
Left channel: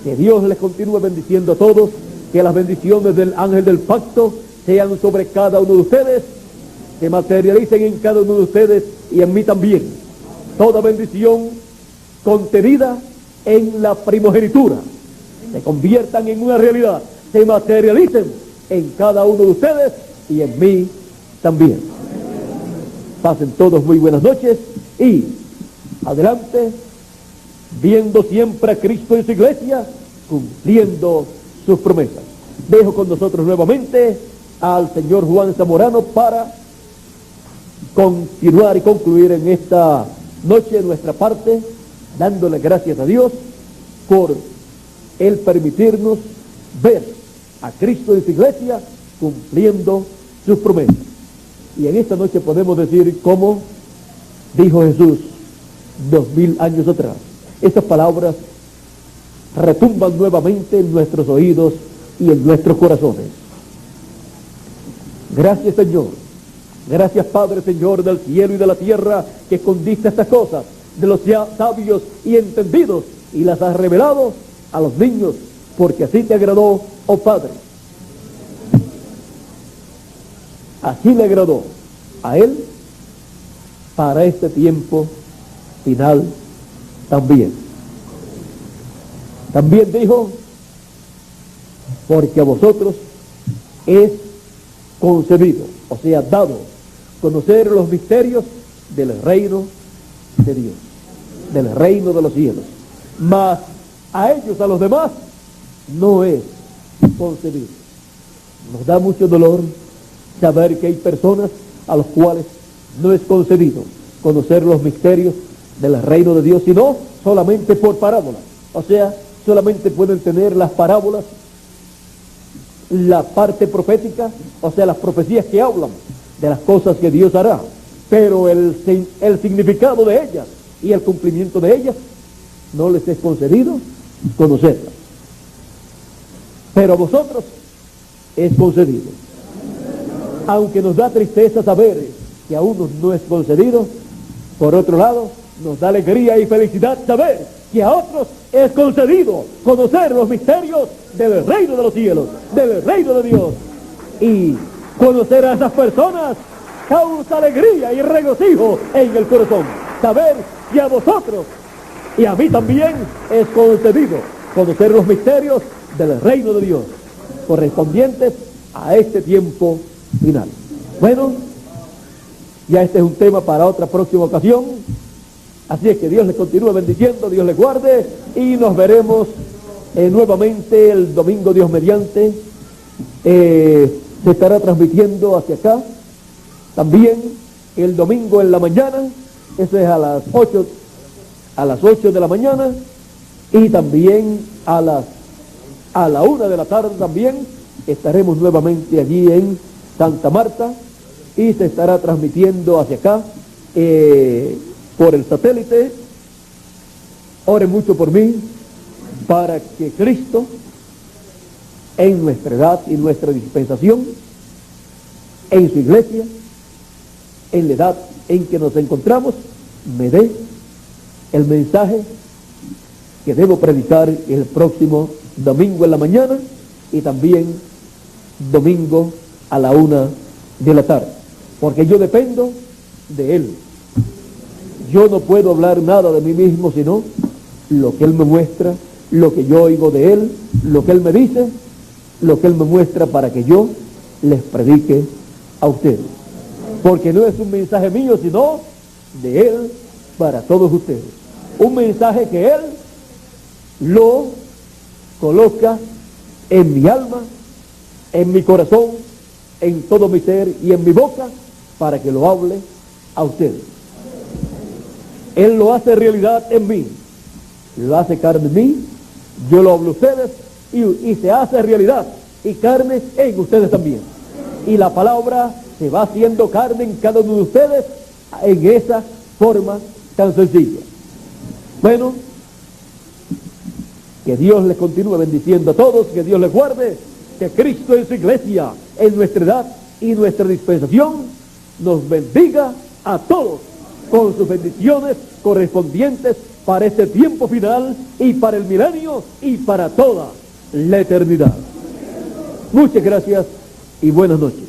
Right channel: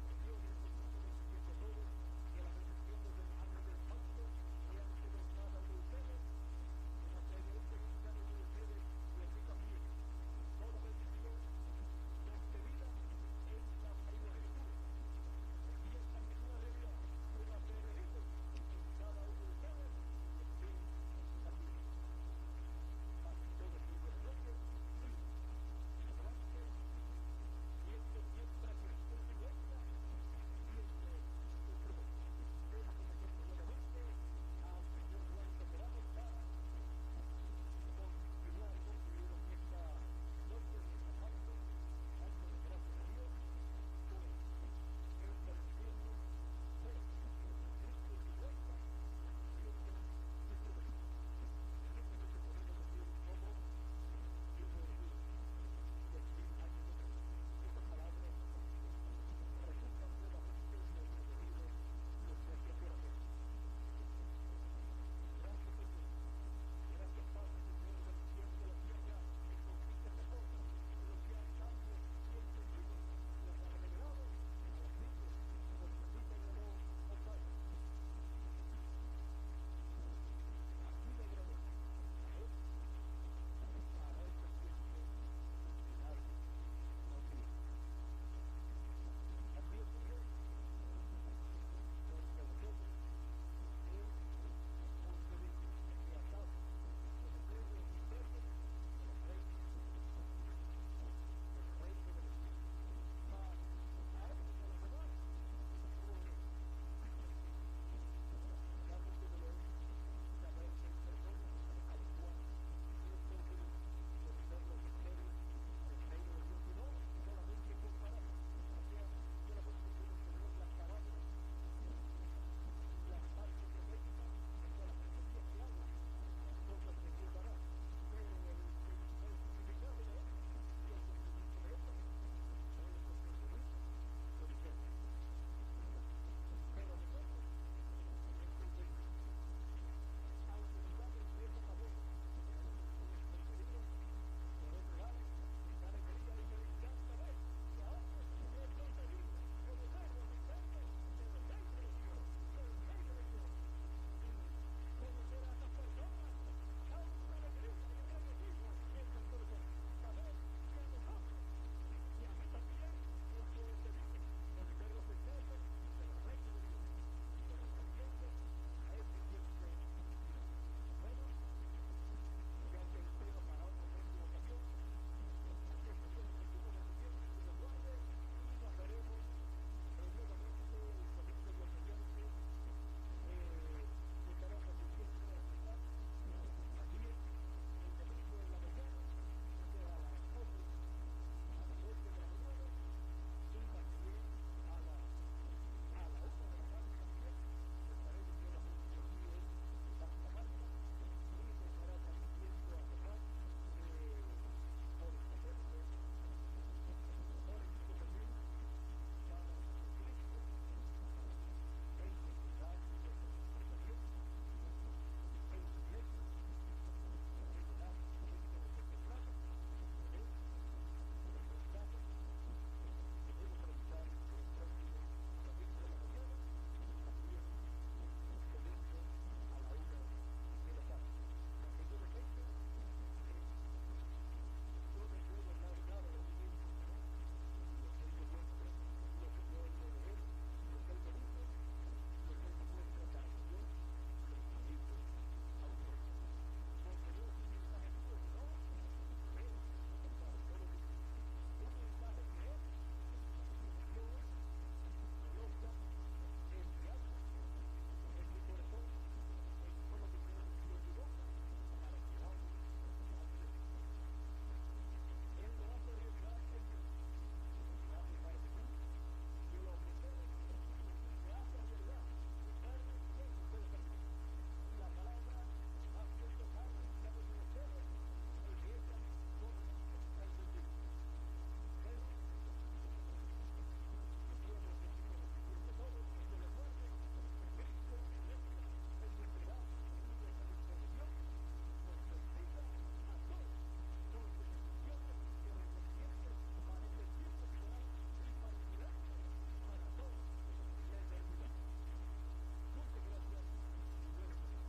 Que Dios les continúe bendiciendo a todos, que las bendiciones del ángel del pacto sean sobre cada uno de ustedes, que materialicen en cada uno de ustedes y en mí también toda bendición contenida en la primogenitura, se conviertan en una realidad, se materialicen en cada uno de ustedes y en mí también. Pasen todos muy buenas noches y adelante, viendo siempre a Cristo en su iglesia cumpliendo sus promesas. Dejo con nosotros nuevamente al señor Juan Zamorano para continuar y concluir en esta noche nuestra parte, dándole gracias a Dios por el permitirnos ver a Cristo en su iglesia cumpliendo sus promesas. Y en esta noche podemos decir como dijo Jesús 2000 años atrás. Estas palabras retumban nuevamente en nuestros oídos y en nuestros corazones. Gracias, Señor. Gracias, Padre, Señor del cielo y de la tierra, que escondiste estas cosas de los sabios y entendidos y las has revelado a los niños, porque así te agradó, oh Padre. Así le agradó a Él para este tiempo final también. También dijo, porque a vosotros es concedido, o sea, dado, conocer los misterios del reino de Dios, del reino de los cielos. Mas a ellos, a los demás, no es concedido. Nos da mucho dolor saber que hay personas a los cuales no es concedido conocer los misterios del reino de Dios, sino solamente por parábola, o sea, solamente pueden tener las parábolas, la parte profética, o sea, las profecías que hablan de las cosas que Dios hará, pero el significado de ellas y el cumplimiento de ellas no les es concedido conocerlas. Pero a vosotros es concedido. Aunque nos da tristeza saber que a unos no es concedido, por otro lado, nos da alegría y felicidad saber que a otros es concedido conocer los misterios del reino de los cielos, del reino de Dios. Y conocer a esas personas causa alegría y regocijo en el corazón. Saber que a vosotros y a mí también es concedido conocer los misterios del reino de Dios, correspondientes a este tiempo final. Bueno, ya este es un tema para otra próxima ocasión. Así es que Dios les continúe bendiciendo, Dios les guarde, y nos veremos nuevamente el domingo, Dios mediante. Se estará transmitiendo hacia acá también el domingo en la mañana, eso es a las 8 de la mañana, y también a la 1 de la tarde también estaremos nuevamente allí en Santa Marta, y se estará transmitiendo hacia acá por el satélite. Oren mucho por mí para que Cristo en nuestra edad y nuestra dispensación, en su iglesia, en la edad en que nos encontramos, me dé el mensaje que debo predicar el próximo domingo en la mañana y también domingo a la 1 de la tarde, porque yo dependo de Él. Yo no puedo hablar nada de mí mismo, sino lo que Él me muestra, lo que yo oigo de Él, lo que Él me dice, lo que Él me muestra para que yo les predique a ustedes. Porque no es un mensaje mío, sino de Él para todos ustedes. Un mensaje que Él lo coloca en mi alma, en mi corazón, en todo mi ser y en mi boca, para que lo hable a ustedes. Él lo hace realidad en mí, lo hace carne en mí, yo lo hablo a ustedes y se hace realidad y carne en ustedes también. Y la palabra se va haciendo carne en cada uno de ustedes en esa forma tan sencilla. Bueno, que Dios les continúe bendiciendo a todos, que Dios les guarde, que Cristo en su iglesia, en nuestra edad y nuestra dispensación, nos bendiga a todos con sus bendiciones correspondientes para este tiempo final y para el milenio y para toda la eternidad. Muchas gracias y buenas noches.